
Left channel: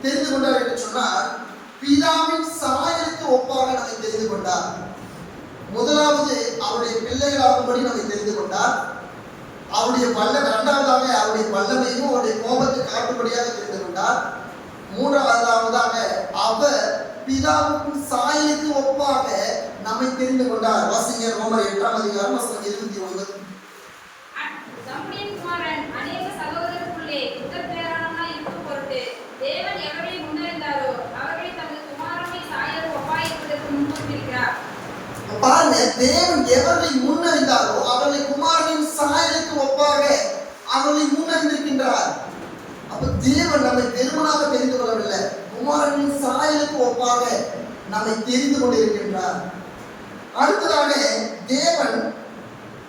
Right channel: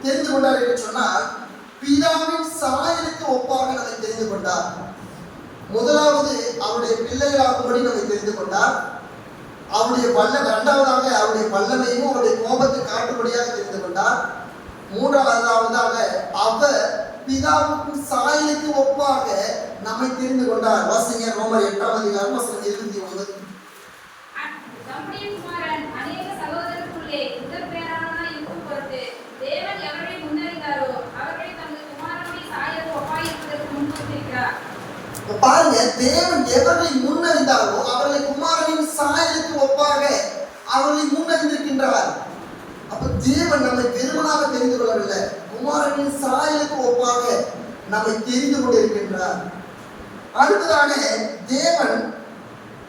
தெரிந்து கொண்டார் என்று சொன்னால், பிதாவின் சாயலுக்கு ஒப்பாக நம்மை தெரிந்து கொண்டார். முதலாவது அவருடைய பிள்ளைகளாகும்படி நம்மை தெரிந்து கொண்டார். அவருடைய இரண்டாவதாக அவருடைய வல்லமையும் அவருடைய கோபத்தை காட்டும்படியாக தெரிந்து கொண்டார். மூன்றாவதாக அவர் பிதாவுக்கும் சாயலுக்கு ஒப்பாக நம்மை தெரிந்து கொண்டார். வாசிங்க ரோமர் 8:29. நம்முடைய குமாரன் அநேக சகோதரருக்குள்ளே உத்தரப்பேராளனாய் இருக்கும் பொருட்டு தேவன் எவரை முன்னறிந்தாரோ அவர்களை தமது குமாரனை சாயலுக்கு ஒப்பாய் இருப்பதற்கு முன்னிறுத்தியிருக்கிறார். பாருங்க, தேவன் எவரை முன்னறிந்தாரோ அவர்களை குமாரனின் சாயலுக்கு ஒப்பாக அவர்களை முன்னறிந்திருக்கின்றார். அப்ப தேவன் நம்மை வெறுமனாக தெரிந்து கொள்ளவில்லை, குமாரனின் சாயலுக்கு ஒப்பாக நம்மை தெரிந்து கொண்டிருக்கின்றார். அடுத்ததாக தேவன்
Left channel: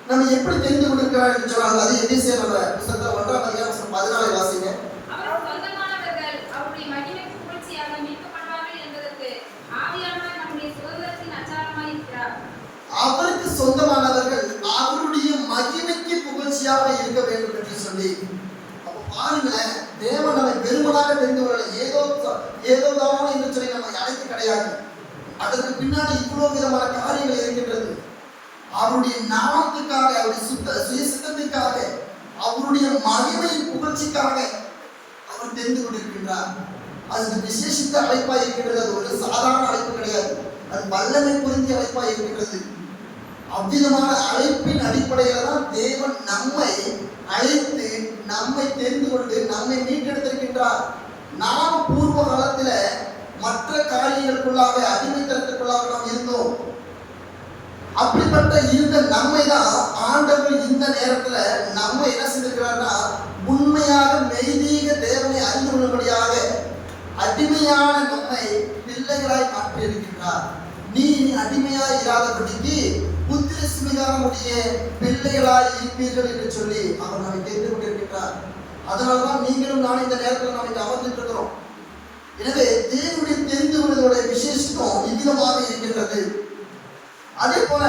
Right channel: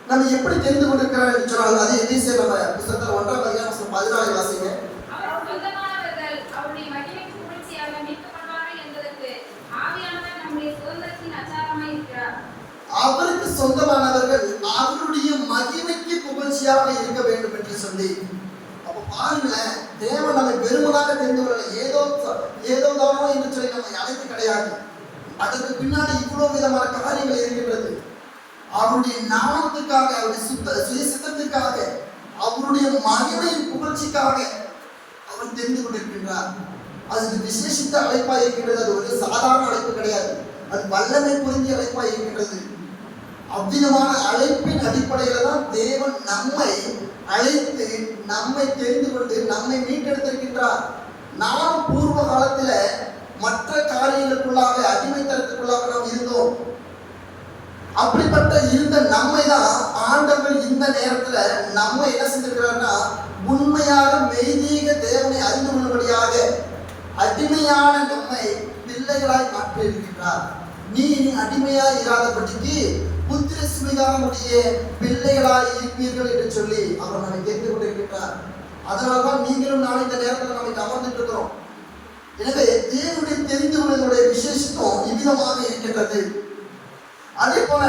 நம்ம எப்படி தெரிந்து கொண்டிருக்கிறார் என்று சொன்னால் அது எபேசியர் புத்தகத்தில் 1:14 வாசிங்க. அவர் சொந்தமானவர்கள் அவருடைய மகிமைக்கு புகழ்ச்சியாக மீட்கப்படுவார்கள் என்பதற்கு ஆவியானவர் நம்முடைய சுதந்திரத்தின் அச்சாரமாய் இருக்கிறார். அவருக்கு சொந்தமானவர்கள் அவருடைய மகிமைக்கு புகழ்ச்சியாக இருக்க வேண்டும் என்று சொல்லி, அப்ப பாருங்களேன், தேவன் நம்மை பெருமனாக தெரிந்து கொள்ளலை, ஏதோதான் என்று சொல்லி நம்மை அழைத்து கிடையாது. அதற்கு பின்னாடி இவ்வளவு விதமான காரியங்கள் இருக்கின்றது. அவருடைய நாமத்துக்காக, அவருடைய சுயசித்தத்திற்காக, அவருடைய மகிமையின் புகழ்ச்சிக்காக அவர் தெரிந்து கொண்டிருக்கின்றார். அது விசேஷித்த அழைப்பாய் இருக்கின்றது. அது ஒரு சாதாரண அழைப்பு கிடையாது, அது வல்லமை புரிந்திய அழைப்பாய் இருக்கின்றது. அவ்விதமான அழைப்பின் அடிப்படையில தான் தேவன் நம்மை அழைத்து நம்மை தெரிந்து கொண்டு நம்மை மீட்டெடுத்திருக்கின்றார். நாம் பூர்வ காலத்துல மற்ற காரியங்களுக்குள்ளாக அடிமைத்தனத்துக்குள்ளாக நாம் இருந்தோம். அப்படிப்பட்ட இருந்த நம்மை தான் ஆண்டவர் இந்த நேரத்துல நம்ம என்ன செஞ்சிருக்கிறார்னா, உண்மையாக மெய்தீக தேவனை அறிந்து கொள்ளும்படியாக அடிமையான நம்மை பிள்ளைகளாய் மாற்றி இருக்கின்றார். நீ அடிமையாய் இராதபடிக்கு புத்திர சுமிகாரனுடைய பிள்ளைகளாய் இருப்பீர்கள் என்று சொல்லி அவர் நம்மை தெரிந்து கொண்டிருக்கின்றார். அதனால்தான் நீங்களும் நான் இந்த நேரத்தில் நம்மை அமர்ந்துட்டு இருக்கிறோம். எனவே தேவனுடைய தெரிந்து கொள்வதோடைய விசேஷம் இவ்விதமாக இருக்கின்றது. அதே போல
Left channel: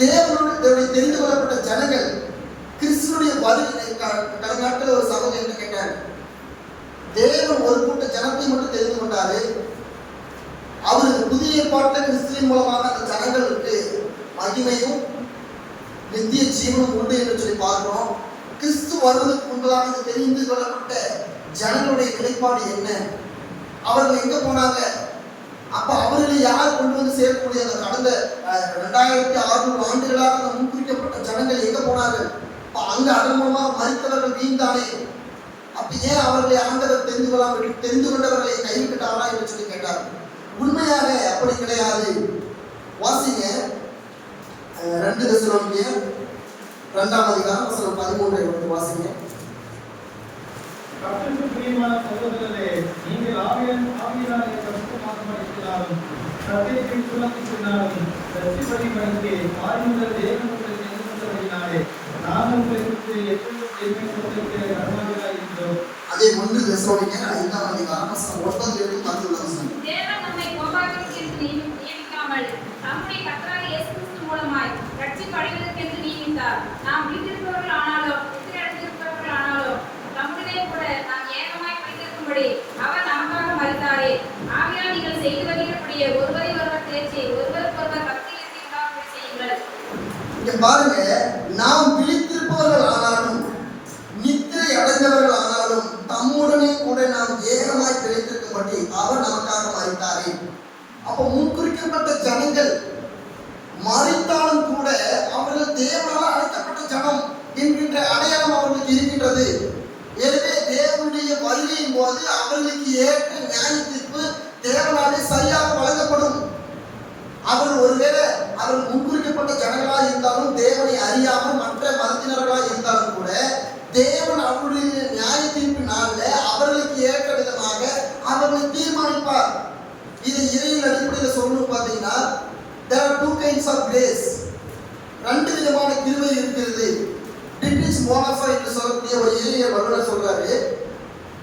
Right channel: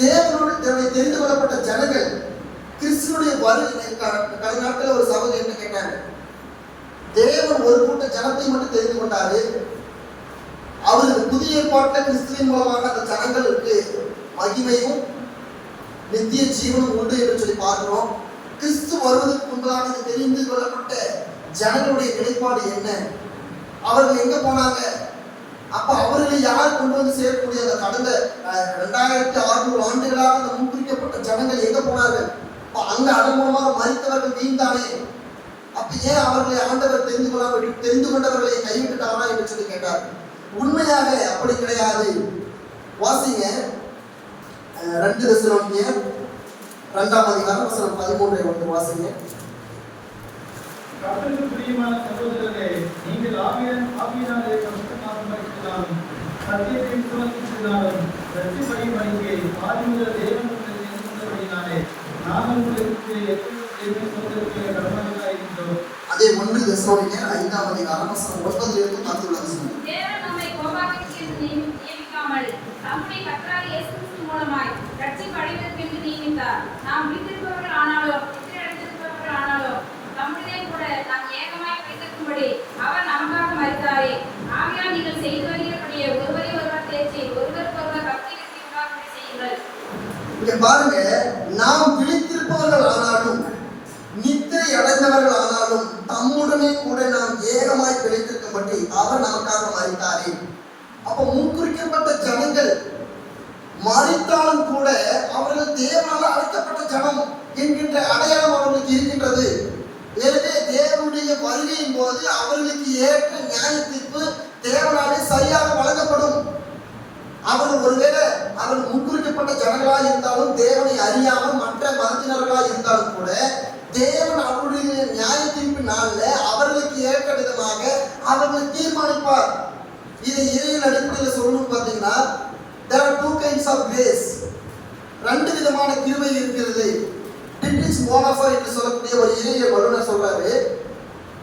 தேவனுடைய தெரிந்து கொள்ளப்பட்ட ஜனங்கள் கிறிஸ்துவனுடைய வருகை நாட்டில் ஒரு சகோதரர் என்ன கேட்டாங்க, தேவன் ஒரு கூட்ட ஜனத்தை மட்டும் தெரிந்து கொண்டாரு, அவருக்கு புதிய ஏற்பாட்டில் கிறிஸ்துவின் மூலமாக அந்த ஜனங்களுக்கு மகிமையும் நித்திய ஜீவனும் உண்டு என்று சொல்லி பார்க்கிறோம். கிறிஸ்து வருவதற்கு முன்பதாக இது தெரிந்து கொள்ளப்பட்ட ஜனங்களுடைய நிலைப்பாடு என்ன, அவர்கள் எங்க போனாங்க, அப்ப அவர்களை யார் கொண்டு வந்து சேர்க்கக்கூடிய அந்த கடந்த 2600 ஆண்டுகளாக அந்த முன்குறிக்கப்பட்ட ஜனங்கள் எங்க போனார்கள்? அங்க அதன் மூலமாக மரித்தவர்கள் வீழ்ந்தானே, அப்ப ஏன் அவர்களை ஆண்டவர் தெரிந்து கொண்டவர்களை கைவிட்டாரா என்று சொல்லி கேட்டார். உண்மையாக அப்படி கிடையாது. வாசிங்க 2 தெசலோனிக்கேயர் 2:13 வாசிங்க. கர்த்தருக்கு பிரியமான சகோதரரே, நீங்கள் ஆவியினாலே பரிசுத்தமாக்கப்பட்டிருந்தாலும் சத்தியத்தின் சுமத்தினாலும் ரட்சிப்படிக்கு ஆதிமுதல் தேவன் உங்களை தெரிந்து கொண்டபடியினாலே நாங்கள் உங்களை குறித்து எப்பொழுதும் தேவனை சொல்லிருக்கிற கடமைகளாய் இருந்தோம். அதே 1 தெசலோனிக்கேயர் 5:10 தேவன் நம்மை கோபாக்கிற்கு நியமிக்காமல் நம்முடைய கர்த்தராகிய இயேசு கிறிஸ்து மூலமாய் ரட்சிப்படைவதற்கென்று நியமித்தார். நாம் விழித்திருப்பவர்கள் ஆனாலும் நித்திரையடைந்திருப்பவர்கள் ஆனாலும் நம்முடைய கூட நாம் ஏகமாய் வைத்திருக்கும்படி அவர் நமக்காக மரித்தாரே. ஆகையால் நீங்கள் செய்து வருகிறபடியே ஒருவரை ஒருவர் தேற்றி ஒருவருக்கொருவர் பக்தியிலிருந்து உண்டாகும்படி செய்யுங்கள். இங்க பாருங்க, நாம் விழித்திருப்பவர்கள் ஆனாலும் நித்திரை அடைந்தவர்கள் ஆனாலும் தம்முடனே கூட நாம் ஏகமாய் பிழைத்திருக்கும்படி அவர் நமக்காக மரித்தாரே. அப்ப முன்குறிக்கப்பட்ட ஜனங்கள் மரித்தாலும் கூட அவர்கள் தேவனால் அழைக்கப்பட்ட ஜனம் என்கின்ற அடையாளம் அவர்களுக்கு இருக்கின்றது. எனவே தேவனுடைய வருகையின் போது அவர்களுக்கு ஏற்ற நியாய தீர்ப்பு தேவனாலே சரியாக வழங்கப்படும். அவர்கள் ஒருவேளை அவர்கள் முன்குறிக்கப்பட்ட ஜனங்களாக இருந்தாலும் தேவனை அறியாமல் மற்ற மதத்தினர்களாக இருந்தாலும் கூட தேவன் அவருடைய நியாய தீர்ப்பு நாள்ல அவர்களுக்கு ஏற்ற விதமாக அவர்களை தீர்மானிப்பார். இதை இறையில் அடிப்படையில் சொல்லணும் பார்த்தீங்கன்னா, there are 2 kinds of grace. 2 விதமான கிருபை இருக்கிறது. டிட்ரிச் மோனஃபா என்று சொல்லக்கூடிய ஒரு இறையியல் வல்லுநர் சொல்றாரு,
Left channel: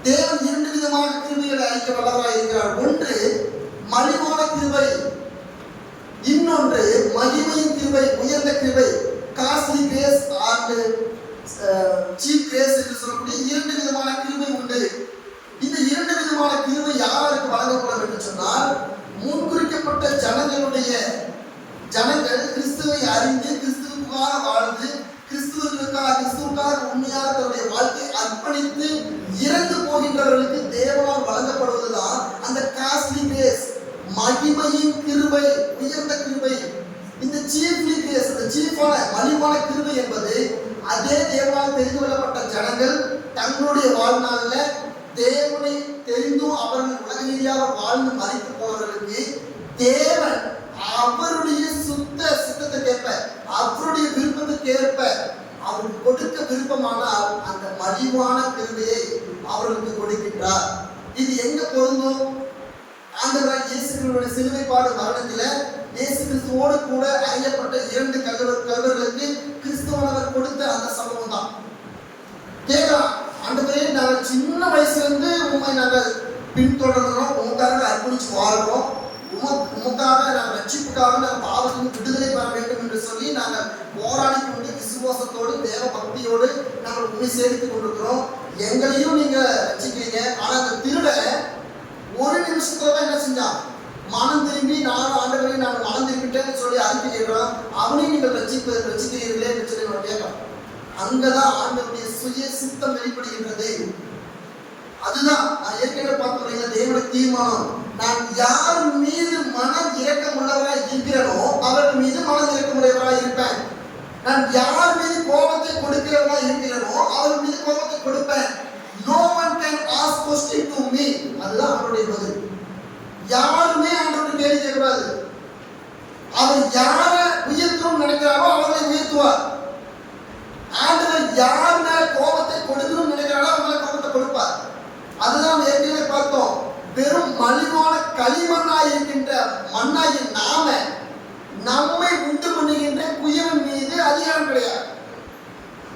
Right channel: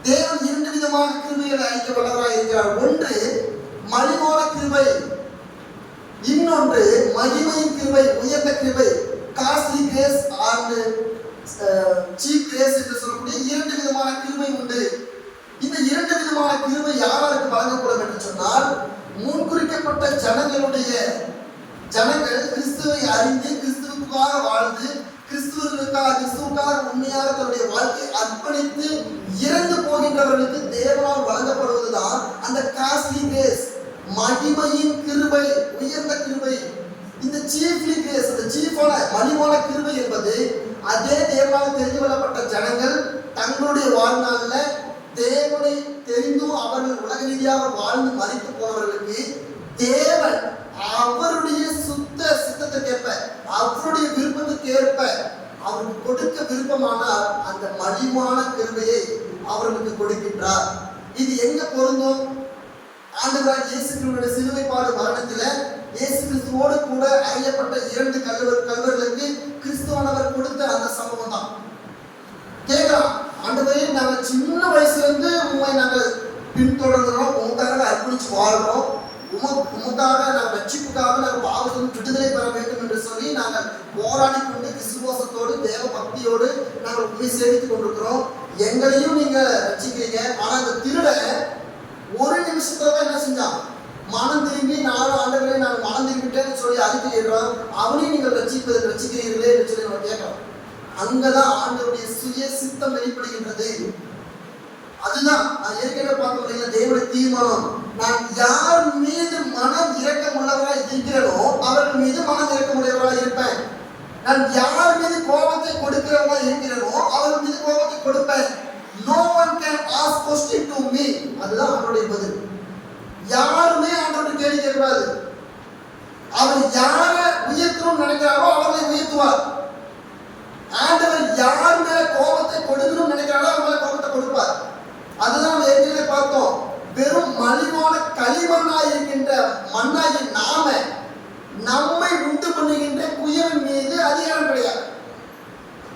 தேவன் 2 விதமான கிருபைகளை அளிக்க வல்லவராக இருக்கிறார். ஒன்று மலிவான கிருபை, இன்னொன்று மகிமையின் கிருபை, உயர்ந்த கிருபை, costly grace and cheap grace என்று சொல்லக்கூடிய 2 விதமான கிருபை உண்டு. இந்த 2 விதமான கிருபை யாருக்கு வழங்கப்படும் என்று சொன்னால், முன்குறிக்கப்பட்ட ஜனங்களுடைய ஜனங்கள் கிறிஸ்துவை அறிந்து கிறிஸ்துவுக்காக வாழ்ந்து கிறிஸ்துவுக்காக உண்மையாக தன்னுடைய வாழ்க்கையை அர்ப்பணித்து இறந்து போகின்றவர்களுக்கு தேவனால் வழங்கப்படுவதுதான் அந்த காஸ்ட்லி கிரேஸ், மகிமையின் கிருபை, உயர்ந்த கிருபை. இந்த சீஃப்லி கிரேஸ், அந்த சீஃபான மலிவான கிருபை என்பது அதே தேவனால் தெரிந்து கொள்ளப்பட்ட ஜனங்கள் தங்களுடைய வாழ்நாளில் தேவனை தெரிந்தும் அவர்கள் உலக ரீதியாக வாழ்ந்து மறைத்து போனவர்களுக்கு தேவன் அவருடைய சுத்த சித்தத்துக்கேற்ப அவருடைய விருப்பத்துக்கு ஏற்ப அவருக்கு கொடுக்க விருப்பமானால் அந்த மலிவான கிருபையை அவர்களுக்கு கொடுக்கின்றார். இது எங்க பொருந்தும்? ஆண்டவராகிய இயேசு கிறிஸ்துவினுடைய சிலுவைப்பாடு மரணத்தில இயேசு கிறிஸ்துவோடு கூட அறியப்பட்ட 2 கல்வர்களுக்கு கிறிஸ்துவானவர் கொடுத்த அந்த சம்பவம் தான். கேட்கலாம், ஆண்டவரே நாங்கள் சின்ன வயசுல இருந்து உண்மை நாங்கள் பின்தொடர்கிறோம், உங்களுக்காக அர்ப்பணிச்சு வாழ்றோம், உமக்காக நாங்கள் ரட்சிப்புக்காக நாங்கள் பாவத்திலிருந்து விடுதலை பெற வேண்டும் என்று சொல்லி நாங்கள் போராடி கொண்டு விசுவாசத்தோடு தேவ பக்தியோடு நாங்கள் உண்மை சேமித்துக் கொண்டிருக்கிறோம். எங்களையும் நீங்க ரட்சிக்கிறீங்க. ஆனா அந்த திருட ஒரு நிமிஷத்துல தான் என்ன செஞ்சான்? மனம் திரும்பி 4 ஆண்டுகளை நாங்கள் மனம் திரும்பிட்டேன்னு சொல்லி அறிக்கையிடுறோம். அவனையும் நீங்கள் ரட்சிக்கிறீர்களே என்று சொல்லி நம்ம கேட்கிறோம். அங்கதான் ஆண்டவருடைய சுய சித்தம் வெளிப்படுகின்றது. அதுதான் நான் ஏற்கனவே பார்க்க தேவனுடைய தீர்மானம். நான் யார் மீது மனம் இரக்கம் உள்ளவராய் இருக்கிறேனோ அவர்கள் மீது மனம் இரக்கம் உடையவராய் இருப்பேன். நான் யார் மீது கோபத்தை கொடுக்கிறவராய் இருக்கிறேனோ அவர்கள் மீது கோபத்தை கொடுப்பேன். No one can ask question to me. அதுதான் அவருடைய பதில். யாருமே ஆண்டவருக்கு கேள்வி கேட்காது. அவர் யாரை உயர்த்தணும் நினைக்கிறாரோ அவரை உயர்த்துவார். ஆண்டவர் யார் மேல கோபத்தை கொடுக்கணும் நினைக்கிறாரோ அவர் மேல கோபத்தை கொடுப்பார். அதுதான் ஏற்கனவே பார்த்தோம். வெறும் மலிவான களிமண்ணாய் இருக்கின்ற மண்ணாகி நாம நம்மை உண்டு பண்ணுகின்ற குயவன் மீது அதிகாரம் கிடையாது.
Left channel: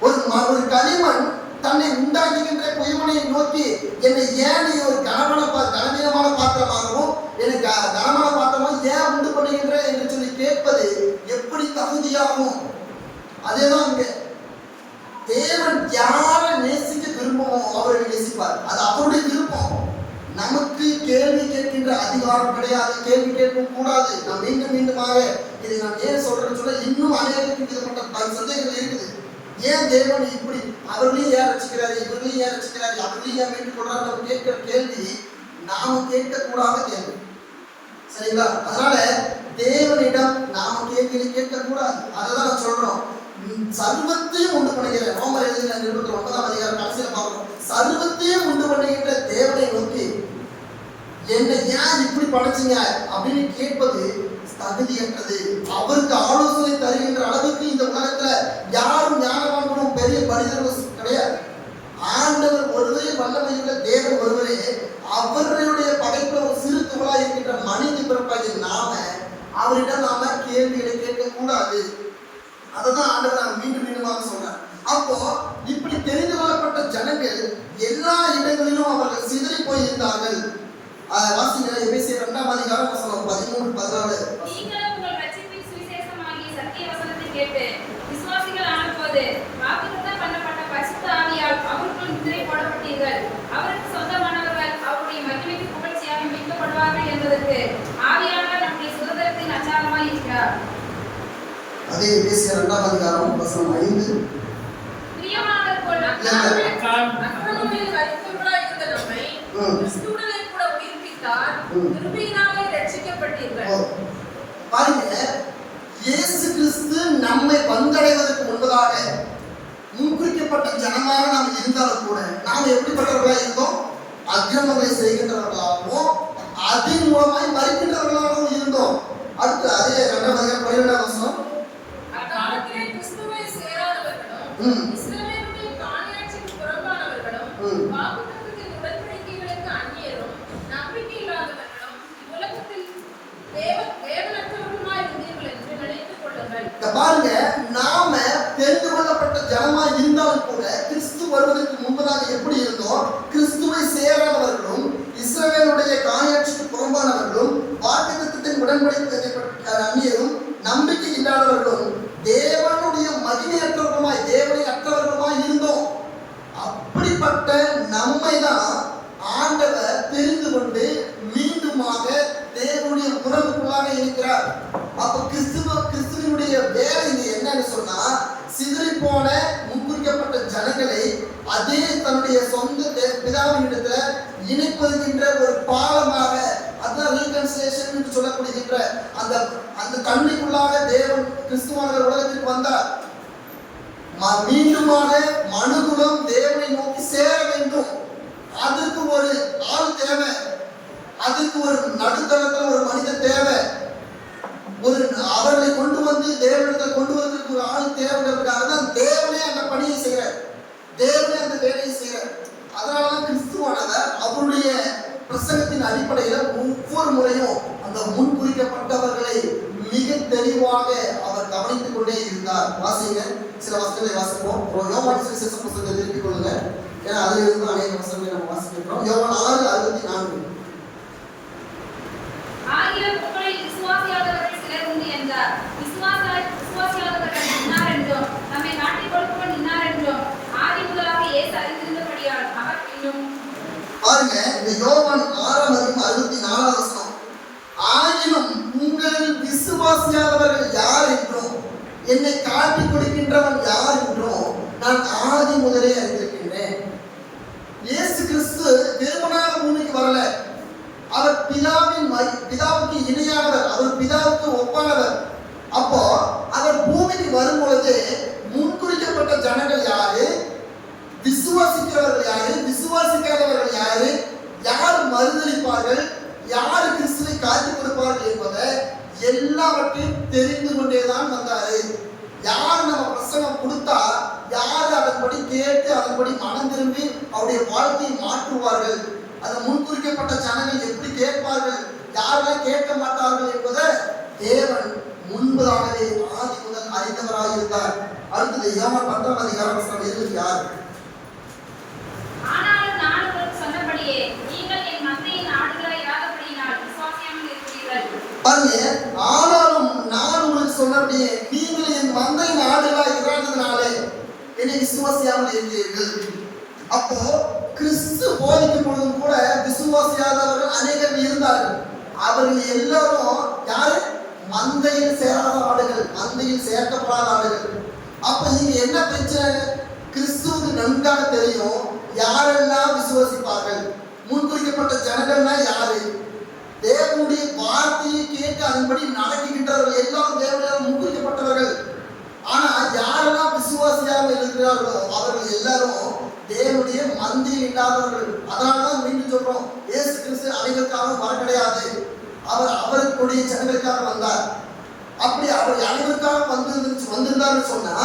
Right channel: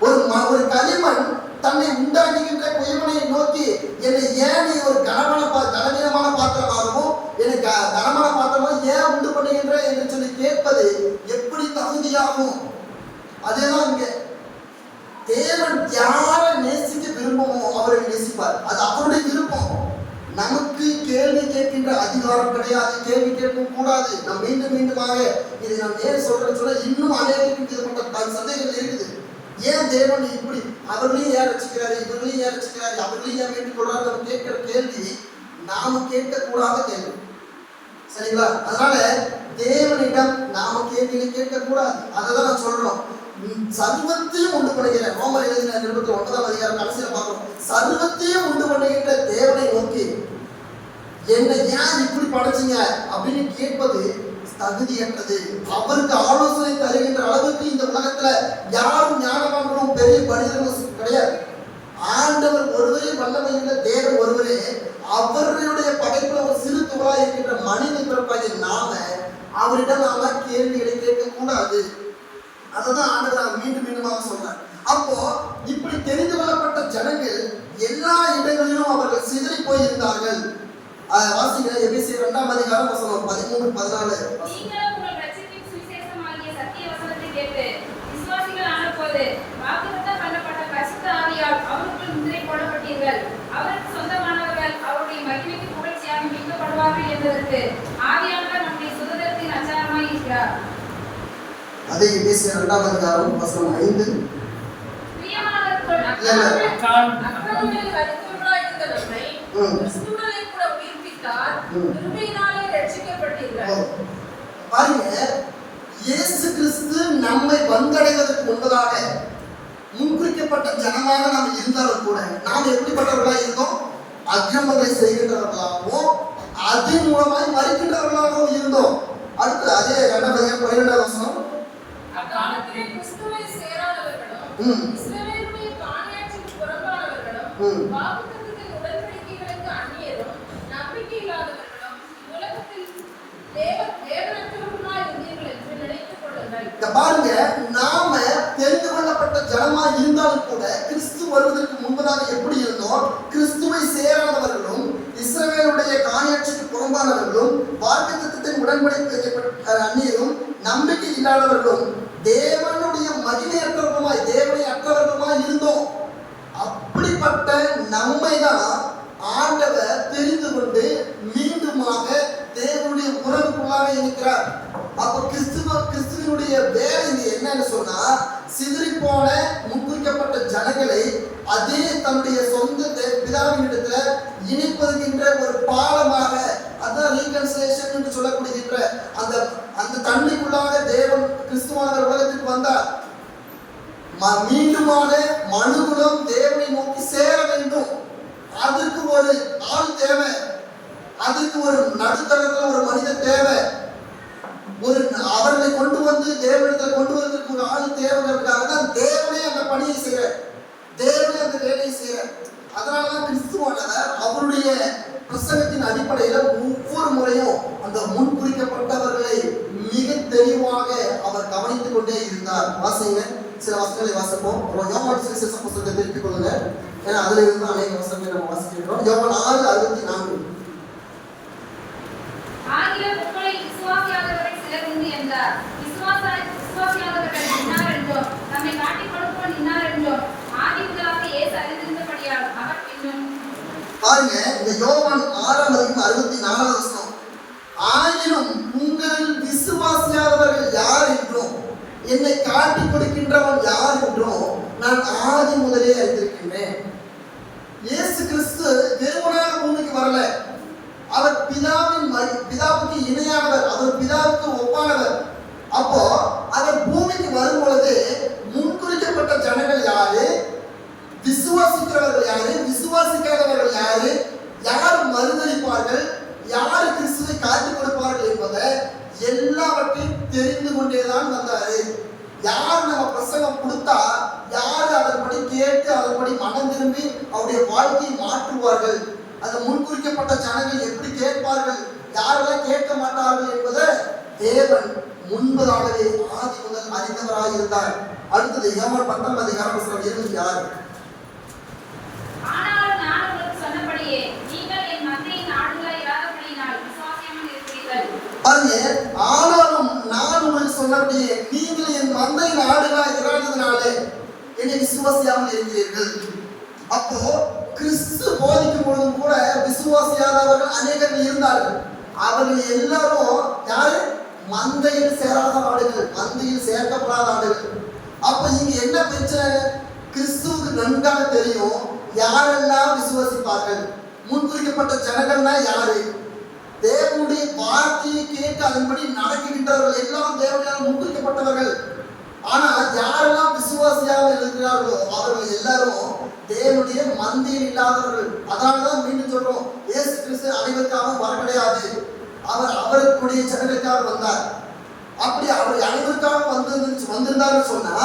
ஒரு களிமண் தன்னை உண்டாக்குகின்ற குயவனை நோக்கி என்னை ஏன் நீ ஒரு கனவீனமான பாத்திரமாகவும் எனக்கு கனமான பாத்திரமாக ஏன் உண்டு பண்ணுகின்ற என்று சொல்லி கேட்பது எப்படி தகுதியாகும்? அதேதான் இங்க தேவன் யாரை நேசிக்க விரும்பமோ அவரை நேசிப்பார். அது அவருடைய விருப்பம். நமக்கு கேள்வி கேட்கின்ற அதிகாரம் கிடையாது, கேள்வி கேட்கவும் கூடாது. நாம் மீண்டுமாக இதை நாம் ஏன் சொல்றேன்னு சொல்ல இன்னும் அநேகப்பட்ட சந்தேகங்கள் இருக்குது. ஏன் தேவன் இப்படி அவர்களையும் ஏன் ரசிக்கிறாரு, இவர்களையும் ஏன் ரசிக்கிறாரு, அவர்களையும் ஏன் கேட்டுக்கொள்றாரு கேட்கிற கேள்வி நாம கேட்கக்கூடாத கேள்வி. சரிங்களா? அதனால தேவனிடம் நாம கேள்வியை கேட்கக்கூடாது. அதைதான் நான் சொல்றோம். சர்வத்தையும் உண்டு பண்ணுகிற ரோமர் எழுதின 29ஆம் அதிகாரம் கடைசியில் பார்க்கிறோம். சர்வத்தையும் உண்டு பண்ணுகின்ற தேவனை நோக்கி என்னை ஏன் இப்படி படைச்சீங்க அப்படின்னு கேட்பது தகுதியற்றது. அவருக்கு ஆலோசனை தருகின்ற அளவுக்கு இந்த உலகத்துல யாரும் ஞானவான்களும் பெரிய மனிதர்களும் கிடையாது. ஆண்டவர் ஒருவரே, வல்லமையுள்ள தேவன் ஒருவரே. அவருடைய படைப்புல ஒரு சிறு துகளாக இருக்கின்ற மனித பிறப்பாகிய நாம அவரிடம் நாம கேள்விகளை கேட்கக்கூடாது. அதுதான் ஆண்டவர் மீண்டுமாக சொல்றார். அப்போ இப்படி தெரிந்து கொள்ளப்பட்ட ஜனங்கள் எல்லா இடங்களிலும் அவர்கள் சிதறி போயிருந்தார்கள். வாசிக்கிற எபேசியர் 2ஆம் அதிகாரம் வசனம் 13-14. நீங்களும் உங்கள் ரட்சிப்பின் சுவிசேஷமாகிய சத்திய வசனத்தை கேட்டு விசுவாசிகள் ஆனபோது வாக்குத்தத்தம் பண்ணப்பட்ட பரிசுத்த ஆவியால் அவருக்குள் முத்திரை போடப்பட்டீர்கள். அவருக்கு சொந்தமானவர்கள் அவருடைய மகிமைக்கு புகழ்ச்சியாக மீட்கப்படுவார்கள் என்பதற்கு ஆவியானவர் நம்முடைய சுதந்திரத்தின் அச்சாரமாய் இருக்கிறார். அதே எபேசியர் 2ஆம் அதிகாரம் வசனம் 5. பிரியமானவர்கள் அக்கிரமங்களில் மரித்தவர்களாய் இருந்த நம்மை கிறிஸ்துவுடனே கூட உயிர்ப்பித்தார். கிருபையினாலே ரட்சிக்கப்பட்டீர்கள். பாருங்க, இயேசு கிறிஸ்து நம்மை வந்தடைவதற்கு முன்பதாக முன்குறிக்கப்பட்ட ஜனமாக நாம் இருந்தாலும் கூட நாம் எப்படிப்பட்டவர்களாக இருந்தோம்? அக்கிரமங்களை செய்கின்றவர்களாகவும் அதன் மூலமாய் மறிக்கின்றவர்களாகவும் இருந்தோம். அடுத்து அதே 2ஆம் அதிகாரம் 12ஆம் வசனம். அக்காலத்திலே கிறிஸ்துவை சேராதவர்களும் இஸ்ரவேலுடைய காணியாட்சிக்கு புறம்பானவர்களும் வாக்குத்தத்தத்தின் உடன்படிக்கைகளுக்கு அந்நியரும் நம்பிக்கை இல்லாதவர்களும் உலகத்தில் தேவனற்றவர்களுமாய் இருந்தீர்கள் என்று நினைத்துக் கொள்ளுங்கள். பாருங்க, நாம தெரிந்து கொள்ளப்பட்ட ஜனமா இருந்தாலும் கூட கிறிஸ்து வருவதற்கு முன்பதாக எப்படி இருந்தோம்? கிறிஸ்துவை சேராதவர்களும் இஸ்ரவேலுடைய காணியாட்சிக்கு புறம்பானவர்களும் வாக்குத்தத்தத்தின் உடன்படிக்கை அந்நியரும் நம்பிக்கை இல்லாதவர்களும் தேவனுடைய மகிமையற்றவர்களுமாய் தேவனை அற்றவர்களுமாய் இருந்தோம். அப்படிப்பட்ட நம்மை தான் ஆண்டவர் தெரிந்து கொண்டு மீண்டுமாக தேவனுடைய உறவுக்குள்ளாக இருக்கிறார். அப்ப கிறிஸ்துவ என்னன்னு சொன்னா, சிதறி போன முன்குறிக்கப்பட்ட ஜனங்களை அதே தன்னுடைய சொந்த பிதாவின் இடத்துல இணைப்பதுகின்ற ஒரு பாலமாக, அதுதான் ரீகன்சிலேஷன் என்று சொல்லப்படுகின்ற அந்த தன்மைக்குள்ளாக தேவன் கிறிஸ்துவானவர் உலகத்திற்கு வந்தார். மீண்டுமாக மனுகுலம் தேவனை நோக்கி சேர வேண்டும். அதற்கு ஒரு ஆள் தேவை, அதுக்கு ஒரு நடுத்தரத்தில் ஒரு மனிதன் தேவை, ஒரு அவர்களை கொண்டு வந்து தேவனிடத்தில் கொண்டு வந்ததுக்கு ஒரு ஆள் தேவைக்காக தான் தேவனே அந்த பணியை செய்யற, தேவனே அந்த வேலையை செய்யற. அதனாலதான் கிறிஸ்துவானவர் அவருடைய பிரசங்கத்தின் அடிப்படையில ஒவ்வொரு முறையும் அந்த முன்குறிக்கப்பட்டவர்களை மிக தெளிவாக அவர் கவனித்துக் கொண்டே இருந்தார். வாசிங்க, சில வசனங்களை வாசிப்போம். யோவான் சுவிசேஷம் புத்தகத்தை திருப்பிக் கொள்ளுங்க, ஏன்னா அதுல இருந்து அநேக வசனங்களை நம்ம வாசிக்கிறோம். யோவான் 6:64. ஆகிலும் உங்களில் விசுவாசியாதவர்கள் சிலர் உண்டு என்றார். விசுவாசியாதவர்கள் இன்னார் என்றும் நம்மை காட்டிக் கொடுப்பவன் இன்னார் என்றும் ஆதி முதலாக இயேசு அறிந்திருந்தபடியால் அவர் பின்னும். பாருங்க, இந்த யோவான் 6:64 வசனம். ஆயினும் உங்களில் விசுவாசியாதவர்கள் யார் என்றும் என்னை காட்டிக் கொடுக்கின்றவன் யார் என்றும் நான் ஆதி முதலே அறிந்திருக்கின்றேன். இயேசு கிறிஸ்து வெறுமனாக பூமிக்கு வரல. அவர் பிதாவுக்கு இணையானவர், அவர் பிதாவுக்கு ஒப்பானவர். அப்போ அவர் பூமிக்கு வரும்பொழுது முன்குறிக்கப்பட்ட ஜனங்கள் யாரு, விசுவாசிக்கிறவர்கள் யாரு, விசுவாசிக்காதவர்கள் யாரு, யார் மறுதளிப்பார்கள், யார் கிறிஸ்துவை காட்டிக் கொடுப்பார்கள் என்பதை எல்லாவற்றையும் தெரிந்து கொண்டேதான் வந்தாரு. யார் நம்ம பிரசங்கம் கொடுத்தா யார் அதன்படி கேட்டு அதன்படி மனம் திரும்பி அவருடைய வாழ்க்கையை மாற்றுவார்கள், அந்த முன்குறிக்கப்பட்ட ஜனங்கள் எப்படி கேட்பார்கள், யாரெல்லாம் கேட்க மாட்டார்கள் என்பதை தேவன் முன்பதாகவே ஆதி முதல் அறிந்தவராக இருந்தார். அடுத்தது யோவான் 10:2 யார்? ஆனாலும் நான் உங்களுக்கு சொன்னபடியே நீங்கள் என் மந்தையின் ஆடுகளாய் இராதபடியினால் விசுவாசியாமல் இருக்கிறீர்கள். ஆனாலும் நான் உங்களுக்கு சொன்னபடியே நீங்கள் என் மந்தையின் ஆடுகளாய் இராததினாலே என்னை விசுவாசியாமல் இருக்கிறீர்கள். அப்போ கிறிஸ்து போதிக்கும் பொழுதும் கூட விசுவாசியாதவர்கள் அநேகர் இருந்தார்கள். அவர்கள் எல்லாரும் யாரு? மந்தையில் சேராத ஆடுகள், மந்தையில் சேர்க்கப்படாத ஆடுகள். அப்ப இங்க என்ன பிரச்சனை? கிறிஸ்துவுக்கு நன்றாக தெரியும் யாரெல்லாம் விசுவாசிப்பார்கள். முன்குறிக்கப்பட்ட ஜனங்கள்னா யாரு? தேவனுடைய வார்த்தையை கேட்டு அதன்படி நடக்கின்றவர்கள் எல்லாம் தேவனால் முன்குறிக்கப்பட்டவர்கள். ஆனா யாரெல்லாம் விசுவாசியாக இருக்கிறார்களோ அவர்கள் எல்லாரும் தேவனுடைய மந்தியில் இல்லாதவர்கள். அதனாலதான் மீண்டும் சொல்றோம், இயேசு கிறிஸ்து அனைவருக்காக வர கிடையாது, அவர் அவருடைய ஜனங்களுக்காக வந்தார். அப்படி அவர் அனைவருக்காக வந்திருந்தாருன்னு சொன்னா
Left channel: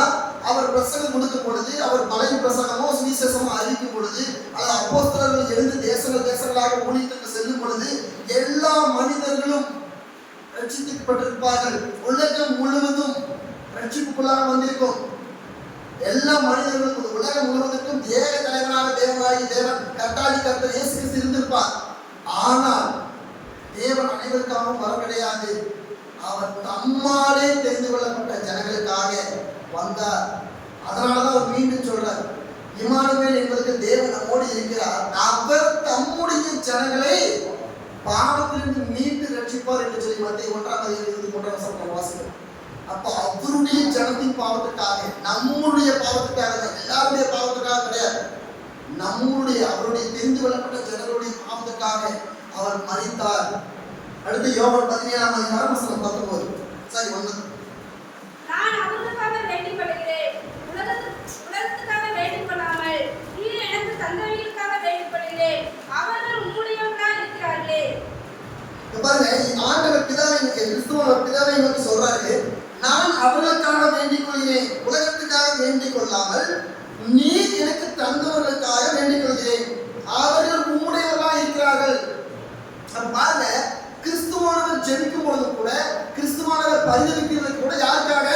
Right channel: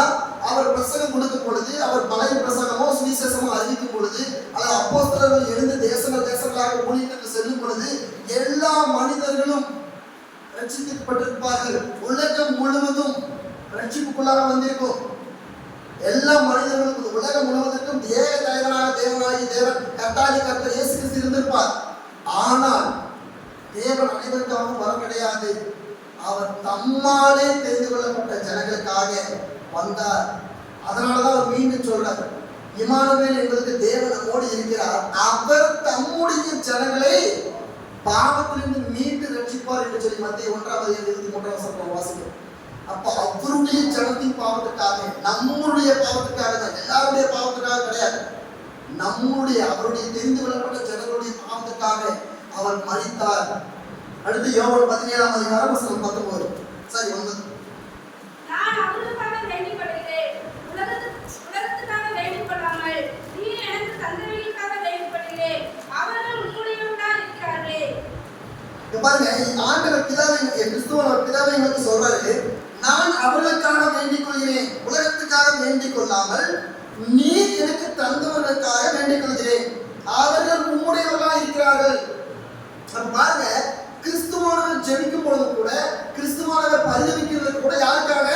அவர் பிரசங்கம் கொடுக்கும் பொழுது, அவர் பழைய பிரசங்கமோ சுவிசேஷமோ அறிவிக்கும் பொழுது, அது அப்போஸ்தலர்கள் எழுந்து தேசங்களாக ஊழியத்துக்கு செல்லும் பொழுது எல்லா மனிதர்களும் ரட்சிக்கப்பட்டிருப்பார்கள். உலகம் முழுவதும் ரட்சிப்புக்குள்ளாக வந்திருக்கும். எல்லா மனிதர்களுக்கும் உலகம் முழுவதற்கும் ஏக தலைவனாக தேவனாகி தேவன் கர்த்தர் இயேசு கிறிஸ்து இருந்திருப்பார். ஆனால் தேவன் அனைவருக்காகவும் வர கிடையாது. அவர் தம்மாலே தெரிந்து கொள்ளப்பட்ட ஜனங்களுக்காக வந்தார். அதனாலதான் அவர் மீண்டும் சொல்றார், இம்மானுவேல் என்பதற்கு தேவன் நம்மோடு இருக்கிறார், அவர் தம்முடைய ஜனங்களை பாவத்திலிருந்து மீட்டு ரட்சிப்பார் என்று சொல்லி மத்திய 1:23 வாசிக்கிறோம். அப்ப அவருடைய ஜனத்தின் பாவத்துக்காக, நம்முடைய பாவத்துக்காக, எல்லாருடைய பாவத்துக்காக கிடையாது, நம்முடைய அவருடைய தெரிந்து கொள்ளப்பட்ட ஜனங்களுடைய பாவத்துக்காக அவர் மரித்தார். அடுத்து யோவான் 17:19 சரி 1. நான் அவர்களுக்காக வேண்டிக் கொள்கிறேன், உலகத்துக்காக வேண்டிக் கொள்ளாமல் நீர் எனக்கு தந்தவர்களுக்காக வேண்டிக் கொள்கிறேன், அவர்கள் உம்முடையவர்களாக இருக்கிறார்களே. பாருங்க, ஆண்டவர் பிதாவை கிறிஸ்துவர் பிதாவை நோக்கி சொல்றாரு, நான் அவர்களுக்காக வேண்டிக் கொள்கிறேன், உலகத்துக்காக வேண்டிக் கொள்ளாமல் நீர் எனக்கு தந்தவர்களுக்காக வேண்டிக் கொள்கிறேன், அவர்கள் உம்முடையவர்களாக இருக்கிறார்கள். பாருங்க, கிறிஸ்துவானவர் ஜெபிக்கும் பொழுது கூட, கிறிஸ்துவானவர் பரிதவிக்கிறது கூட யாருக்காக?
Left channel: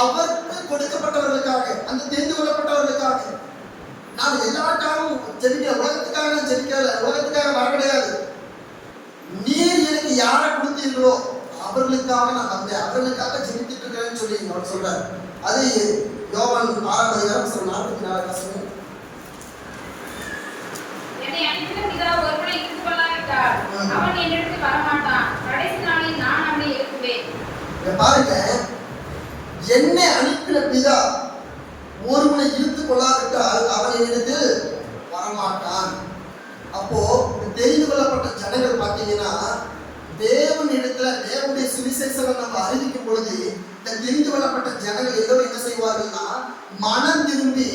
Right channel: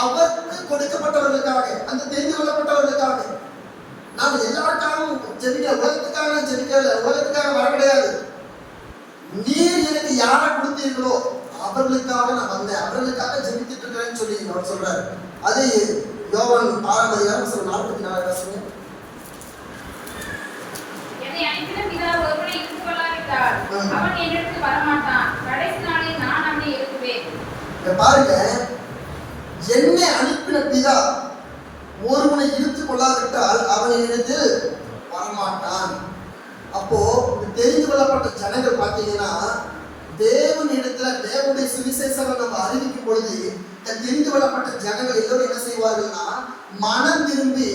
அவருக்கு கொடுக்கப்பட்டவர்களுக்காக, அந்த தெரிந்து கொள்ளப்பட்டவர்களுக்காக. நான் எல்லாருக்காகவும் ஜெபிக்க, உலகத்துக்காக நான் ஜெபிக்கல, உலகத்துக்காக வர கிடையாது. நீர் எனக்கு யாரை கொடுத்தீர்களோ அவர்களுக்காக நான் வந்தேன், அவர்களுக்காக ஜெபித்துட்டு இருக்கிறேன்னு சொல்லி அவர் சொல்றார். அது யோவான் 6:44 என்னை அனுப்பின பிதா ஒருவனை இருந்து கொள்ளாவிட்டால் அவன் என்னிடத்தில் வரமாட்டான், கடைசி நாளில் நான் அவனை எழுப்புவேன். பாருங்க, என்னை அவன் என்னிடத்தில் வரமாட்டான். அப்போ தெரிந்து கொள்ளப்பட்ட ஜனங்கள் பார்த்தீங்கன்னா தேவனிடத்துல தேவனுடைய சுவிசேஷம் நம்ம அறிவிக்கும் பொழுது இந்த தெரிந்து கொள்ளப்பட்ட ஜனங்கள் எல்லோரும் என்ன செய்வார்கள்னா மனம் திரும்பி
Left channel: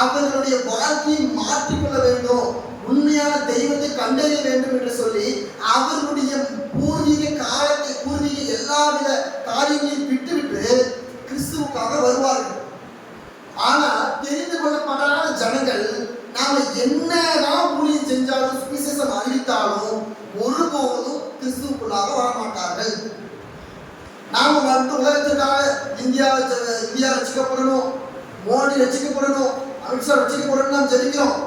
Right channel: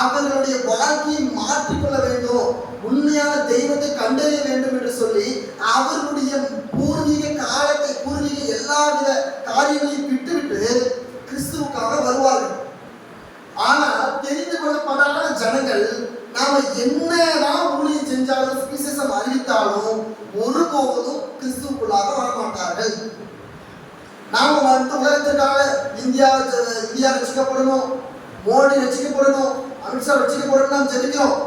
அவர்களுடைய வாழ்க்கையை மாற்றிக்கொள்ள வேண்டும், உண்மையான தெய்வத்தை கண்டறிய வேண்டும் என்று சொல்லி அவர்களுடைய பூர்வீக காலத்தை பூர்வீக எல்லாவித காரியங்களையும் விட்டுவிட்டு கிறிஸ்துவுக்காக வருவார்கள். ஆனா தெரிந்து கொள்ளப்படாத ஜனங்கள் நாம என்னதான் ஊழியம் செஞ்சாலும் சுவிசேஷம் அறிவித்தாலும் ஒருபோதும் கிறிஸ்துவுக்குள்ளாக வரமாட்டார்கள். நாம வந்து உலகத்திற்காக இந்தியா ரசிக்கப்படணும், மோடி ரசிக்கப்படணும், அமித்ஷா ரசிக்கப்படணும் ஜெபிக்கிறோம்.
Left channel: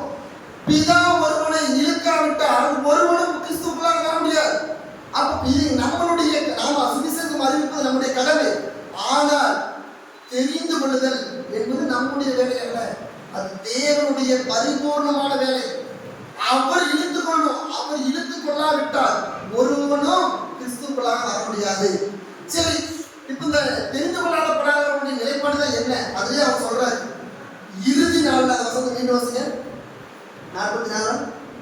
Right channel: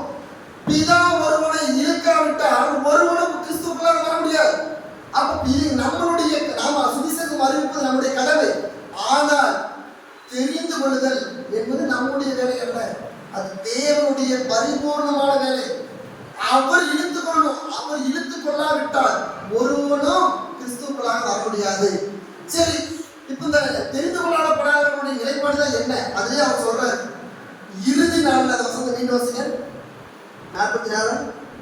பிதா ஒருவனை இழுக்காவிட்டால் ஒருவனும் கிறிஸ்துவுக்குள்ளாக வர முடியாது. அப்ப நம்மளுடைய நாம சுவிசேஷம் அறிவிப்பது நம்முடைய கடமை. ஆனால் தெரிந்து கொள்ளுதல் என்பது நம்முடைய வேலை அல்ல, அது தேவனுடைய பரிபூர்ணமான வேலை. அவர் இழுத்துக் கொள்ளணும். அவர் இழுத்துக் கொள்ளாவிட்டால் ஒருவனும் கிறிஸ்துவுக்குள்ளாக வர முடியாது. சரி, இப்ப இந்த தெரிந்து கொள்ளப்படாதவருடைய நிலைப்பாடுதான் என்ன? அதுலயே அவர் சொல்றாரு, இறுதி நாள். அந்த வசனத்தை மீண்டும் வாசிங்க. 44.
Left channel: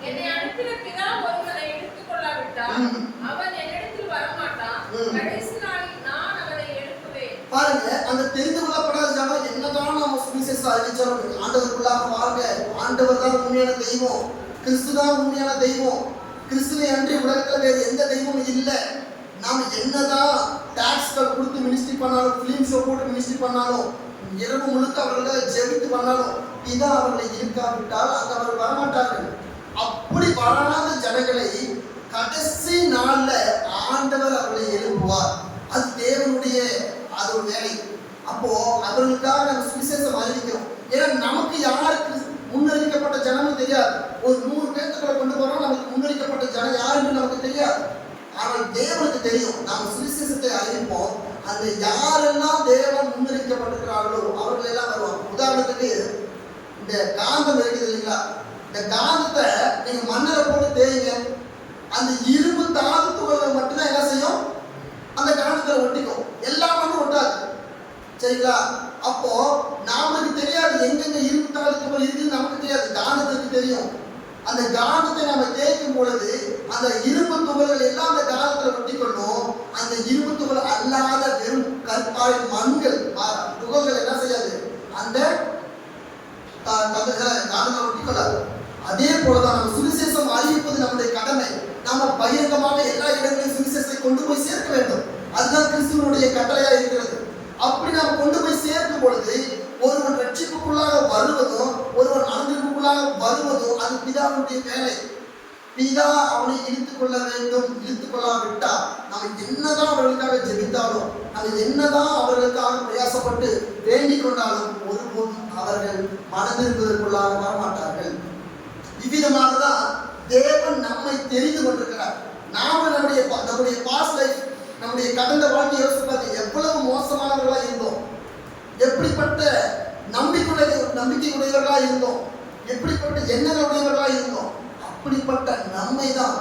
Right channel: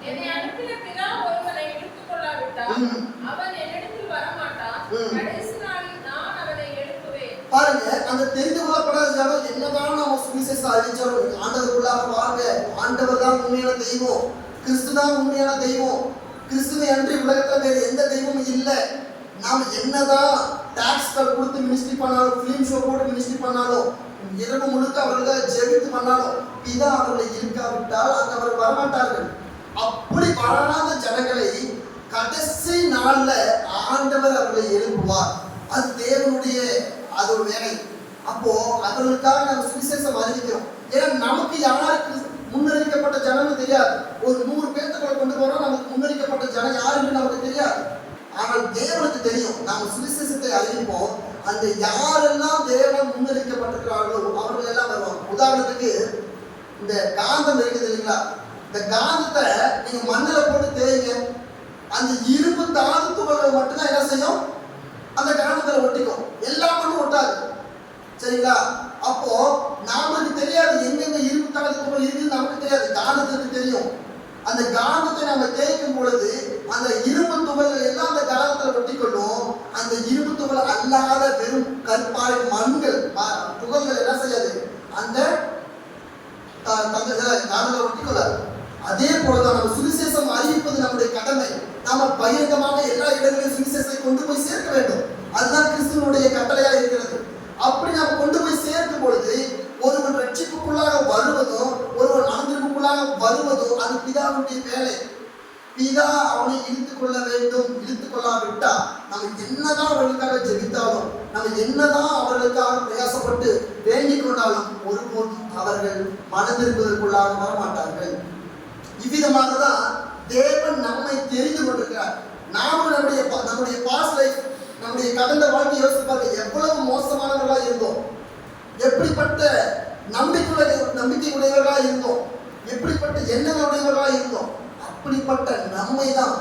என்னை அனுப்பின பிதா ஒருவனை எடுத்துக் கொள்ளாவிட்டால் அவன் என்னிடத்தில் வரமாட்டான். கடைசி நாளில் நான் அவனை எழுப்புவேன். பாருங்க, அந்த தெரிந்து கொள்ளப்படாத ஜனம் என்னதான் நம்ம சுவிசேஷம் அறிவிச்சாலும் ஆண்டவருக்குள்ளாக வாங்க. ஆண்டவர் தான் உண்மையான தெய்வம், கிறிஸ்து தான் உண்மையான தெய்வம். கிறிஸ்துவை அன்றி உலகத்துல வேறு எந்த தெய்வமும் இல்லை. நாம என்னதான் டாக்ஸ்கள் கொடுத்து மினிஸ்ட்ரி பண்ணாலும், பிலிம் ஷோ போட்டு மினிஸ்ட்ரி பண்ணாலும், இரவு முழுக்க அவர்களை ஜெபித்து பண்ணாலும் பிதா அவர்களை இருக்காவிட்டால் அங்க அவர் வரமாட்டார்கள். அப்படி வராத ஜனங்களை கடைசி நாள்ல ஆண்டவர் அவர்களை எழுப்புவார். அது தேவனுடைய அது ஒரு வேலை. அப்போ அவர்களுக்காக நம்ம சுவிசேஷம் அறிவிக்கிறோம். ஏன்னா நமக்கு யாருக்கு முன்னறிவிக்கப்பட்ட ஜனம்னு தெரியாது. ஒரு 100 பேர்த்துக்களை கொண்டு போறோம், நமக்கு முன்னறிவிக்கப்பட்ட ஜனம் யாருன்னு நமக்கு தெரியாது. ஆனால் தேவனுக்கு தெரியும். நம்ம சுவிசேஷத்தை அறிவிப்போம். அந்த யாரெல்லாம் தேவன் முன்னறிவிக்கப்பட்டிருக்கிறார்களோ அவர்கள் எல்லாம் வருவாங்க. உதாரணத்துக்கு இந்த காந்தம் இருக்குது இல்லைங்களா, இந்த காந்தத்தை நீங்க மண்ணில் போட்டு தேய்ங்க, அந்த இரும்பு தாதுத்துகள் மட்டும்தான் என்ன செய்யும், அந்த காந்தத்துல ஒட்டிக்கும். எல்லா மண்ணும் ஒட்டாது. சரிங்களா? அப்போ நமக்கு தெரியாது எங்கெங்க இரும்பு தாதுத்துகள் இருக்குன்னு நமக்கு தெரியாது, காந்தத்துக்கு தெரியும். அந்த காந்தத்தை நம்ம தேய்க்கும் பொழுது அந்த இரும்பு துகள்கள் எல்லாம் அந்த காந்தத்துல ஒட்டிக்கொள்ளும். அந்த இரும்பு துகள் அல்லாத வெறும் கற்பாறை மண்கள் துகள்கள் என்ன செய்யாது, அந்த காந்தத்தை ஒட்டிக்கொள்ளாது. அதே போலதான் நம்ம சுவிசேஷம் அறிவிப்பது நம்முடைய கடமை. நாம பகிரங்கமாக எல்லா இடங்களிலும் சுவிசேஷத்தை கொண்டு போய் சேர்க்க வேண்டும். அதுதான் கிறிஸ்துவனுடைய கட்டளையா இருக்கிறது. அப்படி நாம் கொண்டு போய் சேர்க்கும் பொழுது ஒருவன் ரட்சிப்புக்குள்ளாக வருவதும் ஒருவன் மனதிற்குள்ளாக வருவதும் அது பிதாவுடைய வேலை. பிதா அவனை இழுத்துக் கொள்ள வேண்டும். இழுத்துக் கொள்ளாவிட்டா நம்ம என்னதான் அவர்களுக்காக ஜெபித்தாலும், நம்ம என்னதான் அவர்களுக்காக பிரயாசப்பட்டு வேண்டிக் கொண்டாலும் ஒருபோதும் அவர்கள் மனதிற்குள்ளாக வரமாட்டார்கள். இவ்விதமாக தான் தேவன் நம்மை தெரிந்து கொண்டிருக்கிறார். நாம நம்முடைய பாஸ்ட் லைஃப், நம்முடைய கடந்த வாழ்க்கை யோசித்து பார்த்து எவ்வளவு மோசமானவர்களாக இருந்தோம், எப்படிப்பட்ட நம்பிக்கையுடையவர்களாக இருந்தோம், எப்படிப்பட்ட எண்ணங்களுடையவர்களாக இருந்தோம். அப்படிப்பட்ட நம்மை தான்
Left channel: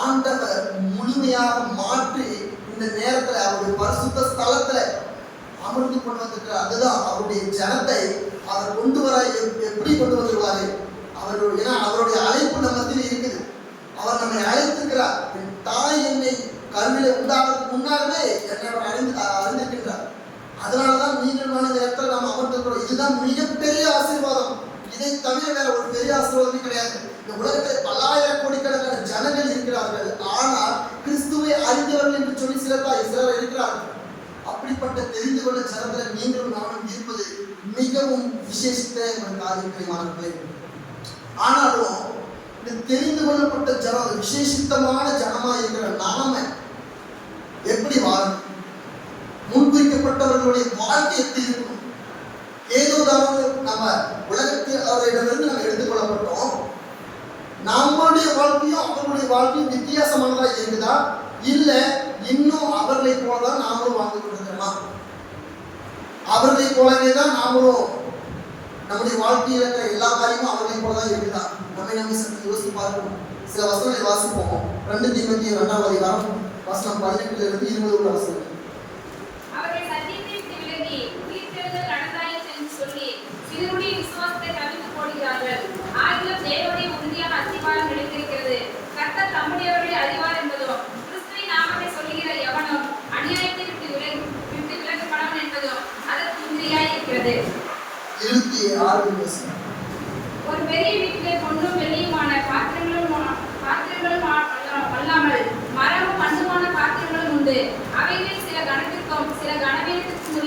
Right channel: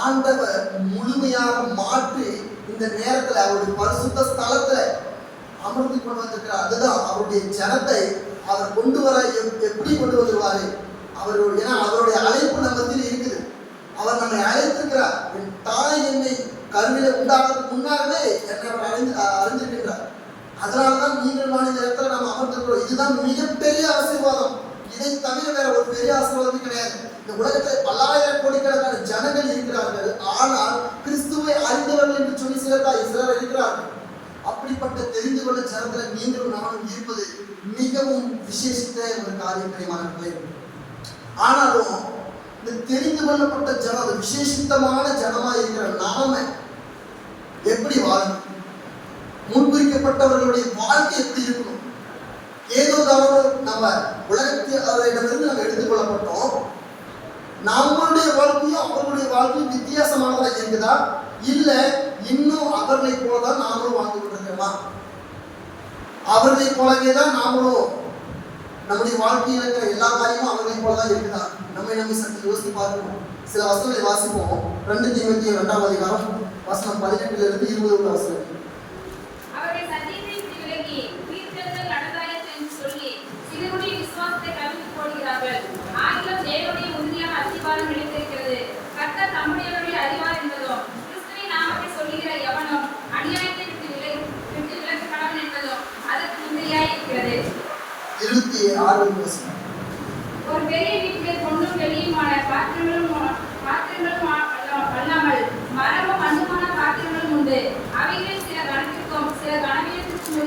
ஆண்டவர் முழுமையாக மாற்றி இந்த நேரத்தில் அவருடைய பரிசுத்த ஸ்தலத்துல அமர்ந்து கொண்டு வந்திருக்கிறார். அதுதான் அவருடைய ஜனத்தை அவர் கொண்டு வர எப்படி கொண்டு வந்துருவாரு. அவருடைய அழைப்பு நம்மத்தில் இருக்குது. அவர் நம்மை அழைத்திருக்கிறார். தாய் என்னை கருவிலை உண்டாகிறதுக்கு முன்னாலே என்னை அறிந்திருக்கின்றார். அதனாலதான் நீங்கள் இந்த இடத்துல நம்ம அமர்ந்திருக்கிறோம். இதுதான் மிகப்பெரிய ஆசீர்வாதம். இதை தவிர வேற ஒரு பெரிய ஆசீர்வாதமே கிடையாது. இந்த உலகத்தில் பல்லாயிரம் கோடிக்கணக்கான ஜனங்கள் இருக்கிறார்கள். ஆனால் கிறிஸ்துவை அறிந்தவர்கள் என்று சொல்லி சிலர் இருக்கிறார்கள். அப்படிப்பட்ட தெரிந்து கொள்ள ஜனத்துல நீங்களும் நானும் இருப்பது மிகவும் விசேஷித்த ஒரு காரியத்தை. ஆனாலும் இந்த தெரிந்து கொள்ளப்பட்ட ஜனம், விசேஷித்தமான ஜனமா இருக்கிற நாம எப்படி வாழும், முன்குறிக்கப்பட்டவர்களுடைய வாழ்க்கை எப்படி இருக்கும்? ஏதோ நம்ம உலகத்தில் அவரிடமிருந்து நம்ம எடுத்துக்கொள்ளப்பட்டோம். நம்மளுடைய வாழ்க்கையும் அவர்களுடைய வாழ்க்கையும் வித்தியாசமானதா இருக்குதா, இல்ல இன்னும் அவர்களை போலதான் நாமளும் வாழ்ந்து கொண்டிருக்கிறோமா? அவர்களை போலவே தான் நாமளும் நம்முடைய வாழ்க்கையில் இருக்கிற எல்லா காரியமும் அவர்களை போலதான் இருக்குதா? நம்ம சற்று யோசித்து பார்க்கணும். சில வசனங்களை வாசிப்போம். 2 தீமோத்தேயு 2ஆம் அதிகாரம் வசனம் 18 20 வசனம். அவருடைய சத்தியத்தை விலகி உயிர்த்தெழுதல் நடந்தாயிற்று என்று சொல்லி சிலருடைய விசுவாசத்தை கவிழ்த்து 6 ஒரு பெரிய வீட்டிலே பொன்னும் வெள்ளியுமான பாத்திரங்களும் அல்லாமல் மரமும் மண்ணுமான பாத்திரங்களும் உண்டு. அவைகளில் சில கனத்திற்கும் சில கனவீனத்திற்கும்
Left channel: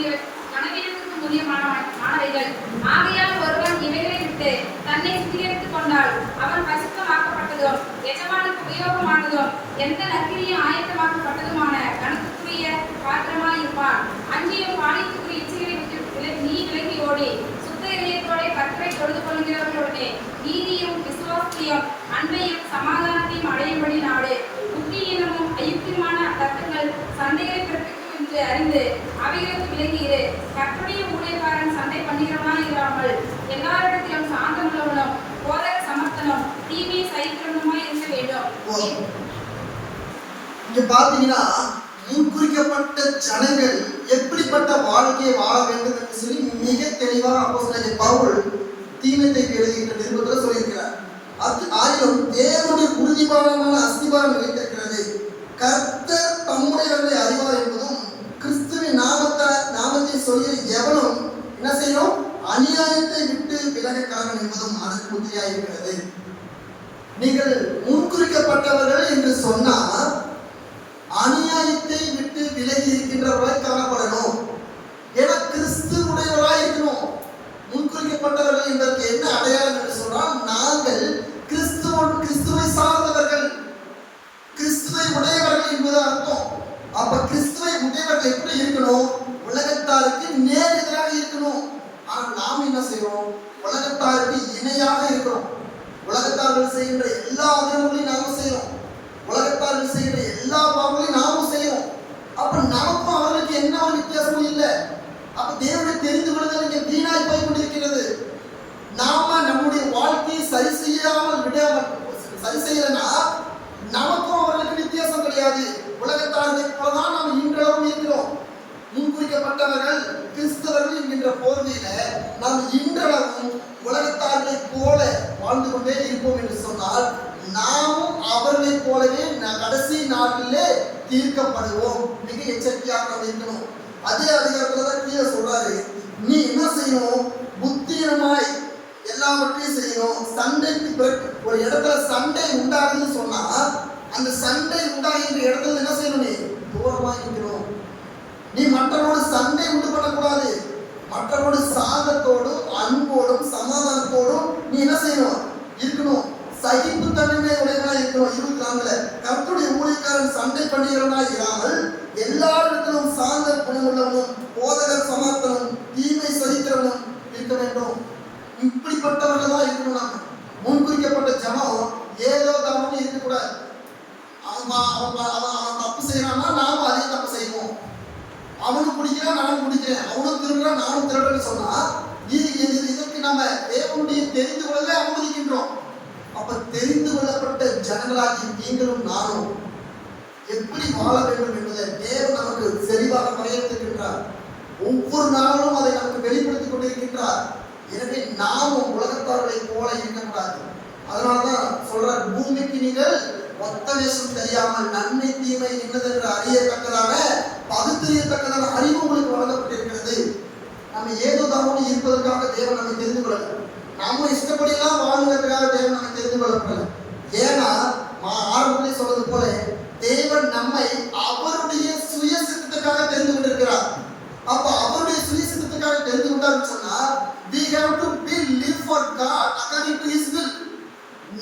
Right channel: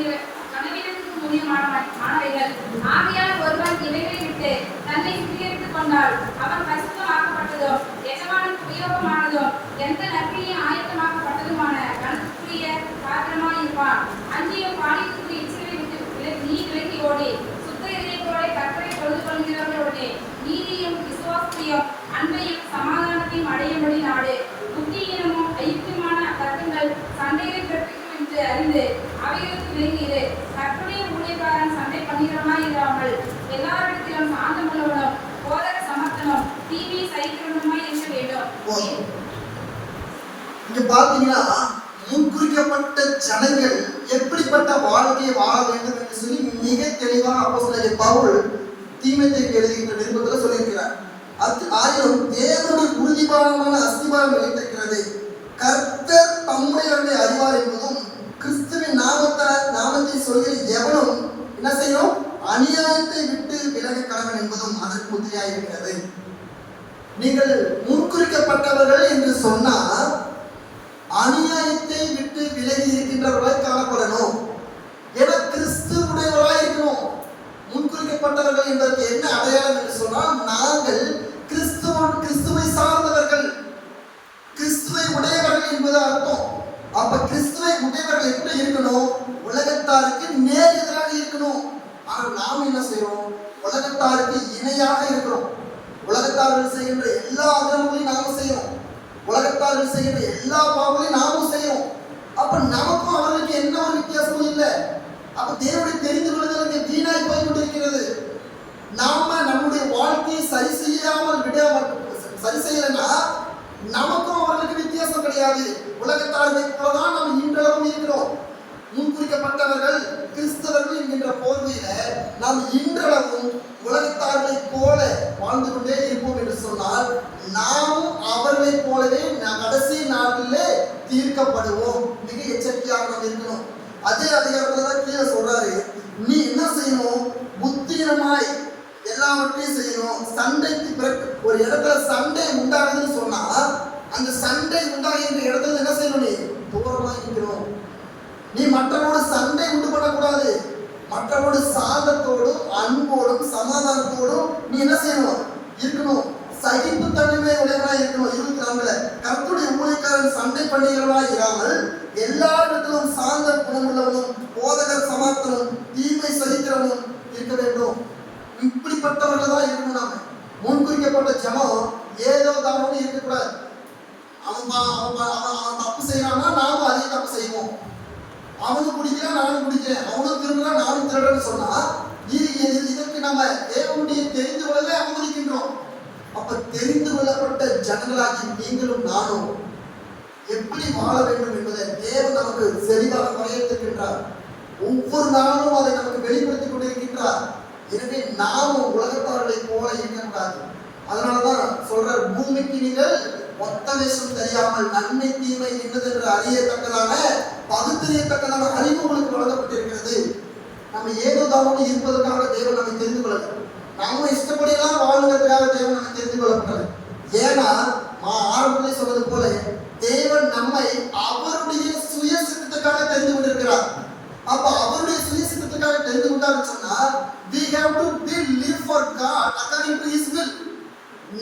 உரியமானவைகள். ஆகையால் ஒருவன் இவைகளை விட்டு தன்னை சுத்திகரித்துக் கொண்டால் அவன் பரிசுத்தமாக்கப்பட்டதும் எஜமானுக்கு உபயோகமானதும் எந்த நற்கிரியும் ஆயத்தமாக்கப்பட்டதுமான கனத்துக்குரிய பாத்திரமாய் இருப்பான். அங்கேயும் பாலியத்துக்குரிய இச்சைகளை விட்டு நீ விலகி ஓடி கர்த்தரை தொழுது கொள்கிறவர்களோடு நீதியும் விசுவாசத்தையும் அன்பையும் சமாதானத்தையும் அடையும்படி நாடு. புத்தியீனமும் அயுக்தியுமான தர்க்கங்கள் சண்டைகளை பிறப்பிக்கும் என்று அறிந்து அவைகளுக்கு விலகியிரு. கற்பனைய ஊழியக்காரன் சண்டை பண்ணுகிறவனாய் இல்லாமல் எல்லாரிடத்திலும் சாந்தமுள்ளவனும் போதக சமர்த்தனும் தீமையை சகிக்கிறவனுமாய் இருக்க வேண்டும். இங்க பாத்தீங்கன்னா முன்குறிக்கப்பட்ட ஜனங்கள் எப்படிப்பட்ட வாழ்க்கையை வாழ வேண்டும் என்று சொல்லி மிக தெளிவாக அப்போஸ்தலன் பவுல் தீமோத்தேயுக்கு எழுதிய நிருபத்தில் சொல்லியிருக்கிறார். ஆயினும் தேவனுடைய உறுதிப்பாடான அஸ்திபாரம் நிலைத்திருக்கிறது. கர்த்தர் தம்முடையவர்களை அறிவார் என்பதும் கிறிஸ்துவின் நாமத்தை சொல்கிற எவனும் என்ன செய்யணும், அநியாயத்தை விட்டு விலக கடவன் என்பதும் அதற்கு உறுதியாக இருக்கிறது. நீங்கள் முன்குறிக்கப்பட்டவர்கள் என்று சொன்னால் அநியாயத்தை விட்டு விலகி இருக்கின்றவர்களாய் காணப்படணும். ஏன்னா கிறிஸ்துவுடையவராய் இருக்கணும். முன்குறிக்கப்பட்டவர்கள் என்பதற்கு என்ன அடையாளம் என்று சொன்னால், நாங்கள் கிறிஸ்துவை சார்ந்தவர்கள், கிறிஸ்துவை உடையவர்கள் என்பது அர்த்தம். அப்ப கிறிஸ்துவை உடையவர்கள் எப்படி இருக்கணும், உலகத்தாருக்கு நேர் எதிராக இருக்கணும். ஆனால் நாம் என்ன செய்யறோம், உலகத்தாருக்கு இணையாக இருக்கிறோம். உலகத்தார்கள் செய்கின்ற எல்லா அதர்மங்களையும் நாங்கள் செய்யறோம். உலகத்தார்கள் செய்கிற எல்லா பாவங்களையும் நாமும் செய்யறோம். அப்ப நமக்கும் அவர்களுக்கு என்ன ஒரு வித்தியாசமும் இல்லை. அப்ப தேவனை தெரிந்து கொள்வதற்கு வீணாய் போய் கொண்டிருக்கிறது. நாம நம்முடைய வாழ்க்கையை சரி செய்யலன்னா நமக்கும் அவர்களுக்கு வித்தியாசம் கிடையாது. உலகத்தாரை போலதான் நாம் இன்றளவும் இருக்கிறோம். முன்குறிக்கப்பட்டவர்கள் கிறிஸ்தவர்கள் என்கின்ற போர்வையில நாம் இன்றளவும் உலகத்தார்களை போல வாழ்ந்து கொண்டே இருப்போம் என்று சொன்னால், நாமும் அவர்களை போலவே கடைசி நாட்டிலே தீர்க்கப்படுவோம். மிக எச்சரிக்கையாக நாம் இருக்கணும். அதே அதிகாரத்துல தான் கீழே சொல்றாரு, நீ என்ன செய்யணும், புத்தியமாய் எல்லாவற்றையும் செய்யணும். சண்டைக்கு பிறகு ஒரு இடத்துல சண்டை உண்டாகுதுன்னு சொன்னா, அந்த சண்டை உண்டாகின்ற இடத்துல என்ன செய்யணும், நீ தூரமா இருக்கணும். நீ மற்றவரோட சண்டை உண்டு பண்ணக்கூடாது. மற்றவரோட சாந்தத்தோடும் அன்போடும் சமாதானத்தோடும் நீ என்ன செய்யணும், இருக்கணும். சகிப்பு தன்மை உடையவனாய் இருக்கணும். 24 கர்த்தருடைய ஊழியக்காரன் சண்டை பண்ணுகிறவனாய் இராமல் எல்லாரிடத்திலும் சாந்த குணமுள்ளவனும் போதகர் சமார்த்தனும் தீமை சகிக்கிறவனும் இருக்க வேண்டும். இப்படிப்பட்டவர்கள் தான் இருக்கணும். நாம முன்குறிக்கப்பட்ட ஜனம் ஏதோ தானே இருக்கக்கூடாது. அவன் தப்பு செய்யறான்னா நாமும் அதே தப்பு செய்வோம். அவனும் குடிக்கிறான் நானும் குடிக்கிறேன், அவனும் திருடுறான் நானும் திருடுறேன்னு சொன்னா இதற்கு நம்ம தேவனுடைய தெரிந்து கொள்ளவே அவமதிக்கின்றோம். அப்ப தெரிந்து கொள்ளப்பட்ட ஜனங்களாகி நீங்களும் நானும் எப்படி வாழ வேண்டும் என்பதை தேவன் நமக்கு சரியாக வரையறுக்கின்றார். ஒவ்வொரு நாளும் அதை நமக்கு வெளிப்படுத்திக் கொண்டிருக்கின்றார். எனவே நாமும் உலகத்தார்களை போல இருக்கக்கூடாது. அதனாலதான் சொல்ற, பூமிக்கு நீங்கள் மொத்த வேஷம் தெரியாமல் நன்மை தீமை என்னதென்று அறியத்தக்கதான பகுத்தறியத்தக்கதான அறிவு உங்களுக்கு வழங்கப்பட்டிருக்கிறது. நம்ம ஏதோ தாவோடு இருப்பதற்காக தேவன் நம்மை தெரிந்து கொள்ளல. நம்ம இஷ்டப்படியெல்லாம் வாழ்வதற்காக தேவன் நம்மை தெரிந்து கொள்ளப்படல. ஏன்னா ஆரம்பத்திலே சொல்றது போல தேவன் நம்மை அவருடைய சுய சித்தத்துக்காக தெரிந்து கொண்டிருக்கிறார். அப்ப அவருடைய சுய சித்தத்துக்காக தெரிந்து கொண்டாருன்னு சொன்னா, we have to live for God according to his will.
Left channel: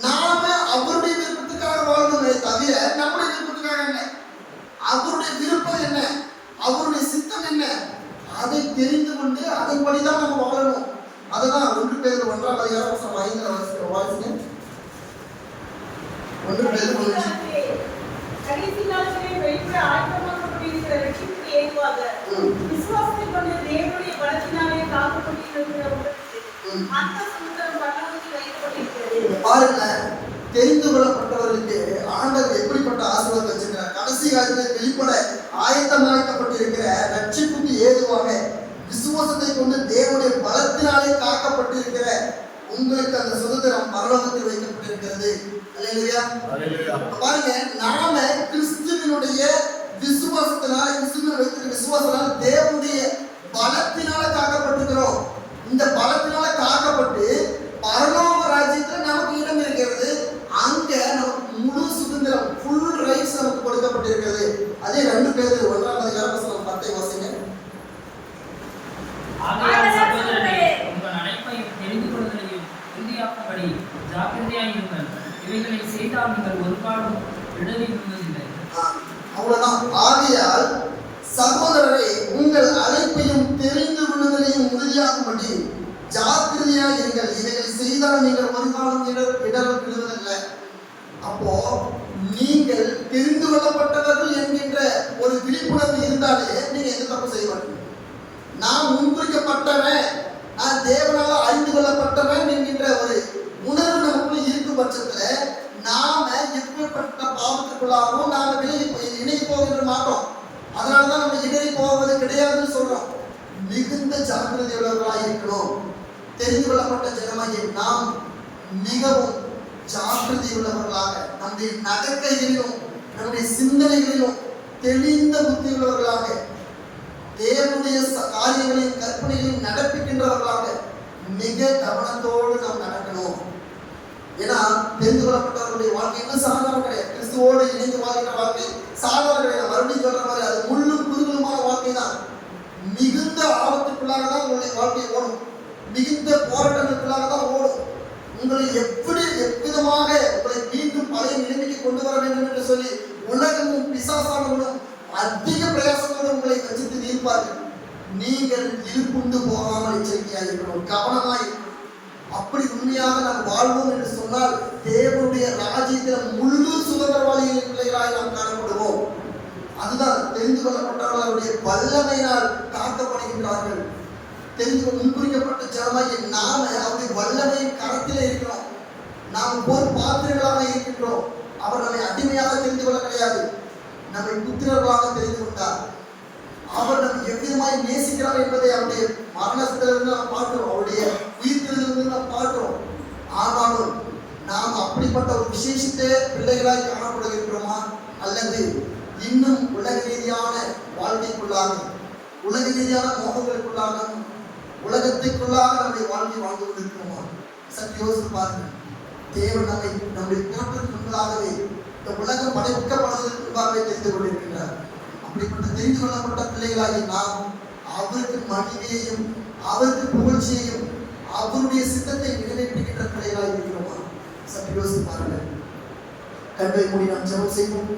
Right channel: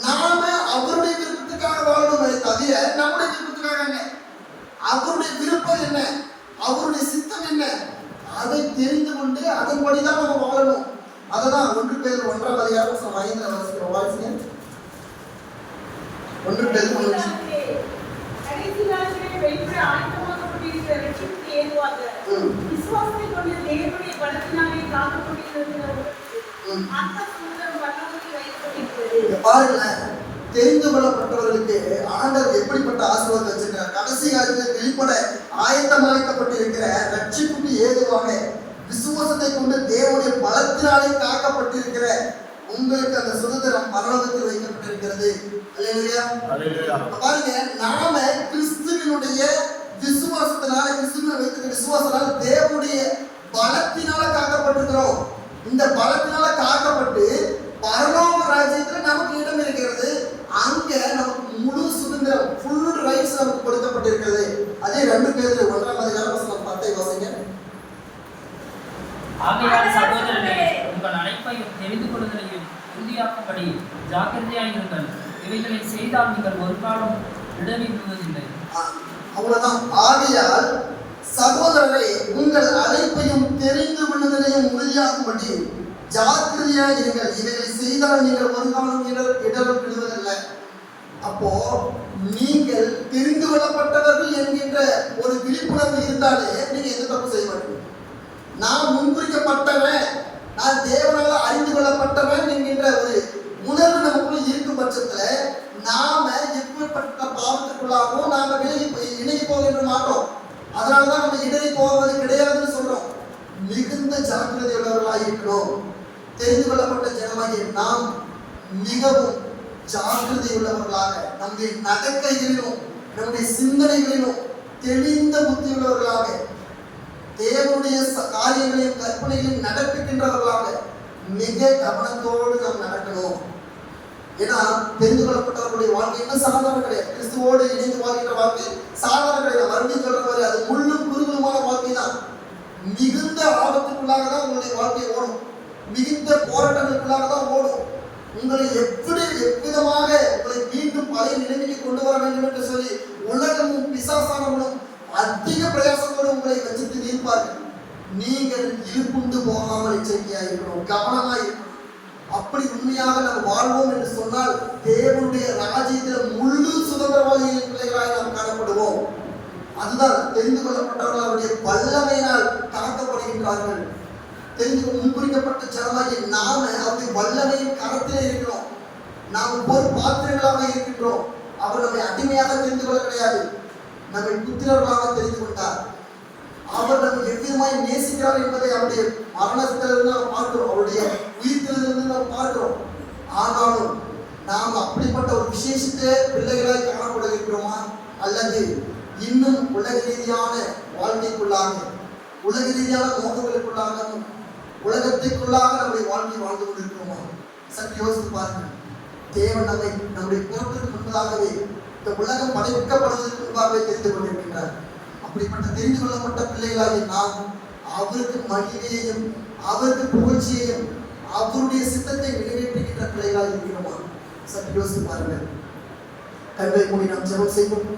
நாம அவருடைய விருப்பத்துக்காக வாழணுமே தவிர நம்முடைய விருப்பத்துக்காக என்ன, அவருடைய விருப்பம் என்ன, அவருடைய சித்தம் என்ன, அதை தெரிந்து கொண்டு அதன்படிதான் நம்ம வாழணும். அததான் 1 பேதுரு 1ஆம் அதிகாரம் 5 வாசிங்க. 1 பேதுரு 1. கடைசி நாட்களில் வெளிப்பட ஆயத்தமாக்கப்பட்டிருக்கிற ரட்சிப்புக்கு ஏதுவாக விசுவாசத்தை கொண்டு தேவனுடைய பலத்தினாலே காக்கப்பட்டிருக்கிற அந்த சுதந்திரம் பரலோகத்தில் வைக்கப்பட்டிருக்கிறது. பாருங்களேன், தெரிந்து கொள்ளப்பட்டவர்களுக்கு ஆண்டவர் எப்படிப்பட்ட ஆசீர்வாதம் வச்சிருக்கிறார். கடைசி காலத்தில் வெளிப்பட ஆயத்தமாக்கப்பட்டிருக்கிற ரட்சிப்புக்கு ஏதுவாக விசுவாசத்தை கொண்டு தேவனுடைய பலத்தினாலே காக்கப்பட்டிருக்கிற உங்களுக்கு அந்த சுதந்திரம் பரலோகத்தில் வைக்கப்பட்டிருக்கிறது. பாருங்க, நாம கிறிஸ்துவினுடைய விசுவாசத்தினால, கிறிஸ்துவின் வைத்திருக்கிற விசுவாசத்தினால தேவனுடைய பலத்தினால காக்கப்பட்டிருக்கிறோம். இந்த பலத்தினால காக்கப்பட்ட செய்யாதபடி ஜாக்கிரதையாயிருங்கள். இவைகளை செய்தால் நீங்கள் ஒரு நாளும் இடறி விழுவதில்லை. அவ்வளவுதான். ஆகையால் சகோதரரை உங்கள் அழைப்பையும் தெரிந்து கொள்வதிலையும் உறுதியாகும்படி ஜாக்கிரதையாக இருங்கள். இவைகளை செய்தால் நீங்கள் ஒரு காலம் இடரும் விடுவதில்லை. அப்போ நீங்கள் தெரிந்து கொள்ளப்பட்டவர்கள் என்கின்ற ஒரு விழிப்புணர்வு இருந்தாலே நீங்க எந்த தப்பு செய்ய மாட்டீங்க. நான் முன்குறிக்கப்பட்டவன், நான் தேவனால அறிந்து கொள்ளப்பட்டவன் என்கின்ற ஒரு உணர்வு நமக்குள்ள இருக்கும் பட்சத்துல நாம எப்படிப்பட்ட பாவத்துக்குள்ளாகவும் நாம இணைய போகின்ற மாட்டோம். அதனாலதான் நம்ம இடறி போவது கிடையாதுன்னு சொல்றோம். மிகுந்த ஜாக்கிரதை உள்ளவர்களாக இருக்கணும். தெரிந்து கொள்ளப்பட்ட ஜனமாகிய நாம் மிகவும் ஜாக்கிரதை உள்ளவர்களாக நம்முடைய நடக்கைகளிலும் நம்முடைய சிந்தனைகளிலும் தெளிந்த புத்தி உள்ளவர்களாக தேவனுடைய காரியங்களையும் கற்பனைகளையும் நடப்பிக்கின்றவர்களாக மிக கவனத்தோடு நாம் நடக்கணும். ஏன்னா தெரிந்து கொள்ளப்பட்டவர்களுடைய வாழ்க்கை என்ன சாதாரண கிடையாது. கிறிஸ்துவோடு இணைந்து வாழ்கிற வாழ்க்கை சாதாரண கிடையாது. மறுபடியும் சொல்ற மாதிரி அது முள்ளும் குறுகுலுமான வாழ்க்கை தான். மிகுந்த ஆபத்துக்குள்ளாக தான் உங்களுடைய வாழ்க்கை ஓடும். மிகுந்த போராட்டங்களுக்குள்ளாக தான் ஓடும். உங்களை எவ்விதமாக உங்களை மீண்டும் பழைய நிலைமைக்கு கொண்டு வர வேண்டும் என்று சொல்லி உலகமும் பிசாசானவனும் அதிக பிரயாசத்தோடு உங்களை வச்சிட்டு நீர்ப்பார்கள். நீங்கள் இருப்புண்டு போகாமல் எச்சரிக்கையாக இருக்கணும், கவனமாக இருக்கணும். அப்படி உண்மையாக நாம் வாழ்வோம் என்று சொன்னால் தேவனுடைய ராஜ்யத்தில் முழு சுதந்திரவாதிகளின் பிள்ளைகளாக நாம் காணப்படுவோம். அதுதான் தெரிந்து கொள்ளப்பட்டவர்கள் அவருடைய வல்லமையினால் காக்கப்படுகின்றார்கள். தெரிந்து முன்குறிக்கப்பட்ட ஜனமாகிய நாம அவருடைய வல்லமையின் கரத்திலே இருக்கிறோம். நாம் ஒரு பாத்திரங்களாக இருக்கின்றோம். அவர் நம்மை அடிமையாக தெரிந்து கொள்ள கிடையாது, நம்மை புத்திரர்களாக தெரிந்து கொண்டார். அவர் நம்மை எவ்விதமாய் நேசிக்கிறார் என்பதை அவருடைய மரணத்திலிருந்து நாம் பார்க்கிறோம், அவருடைய உயிர்த்திலிருந்து நாம் பார்க்கிறோம். ஆனாலும் நாம் அப்படிப்பட்ட ஒரு விசேஷத்தை பிள்ளைகளாய் காணப்படுகிறோமா, அல்லது இன்னும் உலக ரீதியான வாழ்க்கைக்குள்ளாக உலக ரீதியான மோகங்களுக்குள்ளாக உலகத்திற்குள்ளாக நம்முடைய வாழ்க்கை வாழ்ந்து கொண்டிருக்கிறோமா? சற்று யோசித்து பாருங்கள். தேவன் நம்முடைய தோற்றத்துக்கு முன்பதாகவே இந்த உலகம் படைக்கப்படுவதற்கு முன்பாகவே தெரிந்து கொண்டிருக்கின்றார். அப்படிப்பட்ட தெரிந்து கொள்ளப்பட்ட பிள்ளைகளாகி நாம் அவருக்கு மகிமையையும் அவருக்கு புகழ்ச்சியையும் அவருடைய சித்தத்தை நிறைவேற்றுகின்ற பிள்ளைகளாக இருக்கிறோமா? சற்று யோசித்து பாருங்கள். கண்களை மூடி நாம் ஜெபம் செய்வோம்.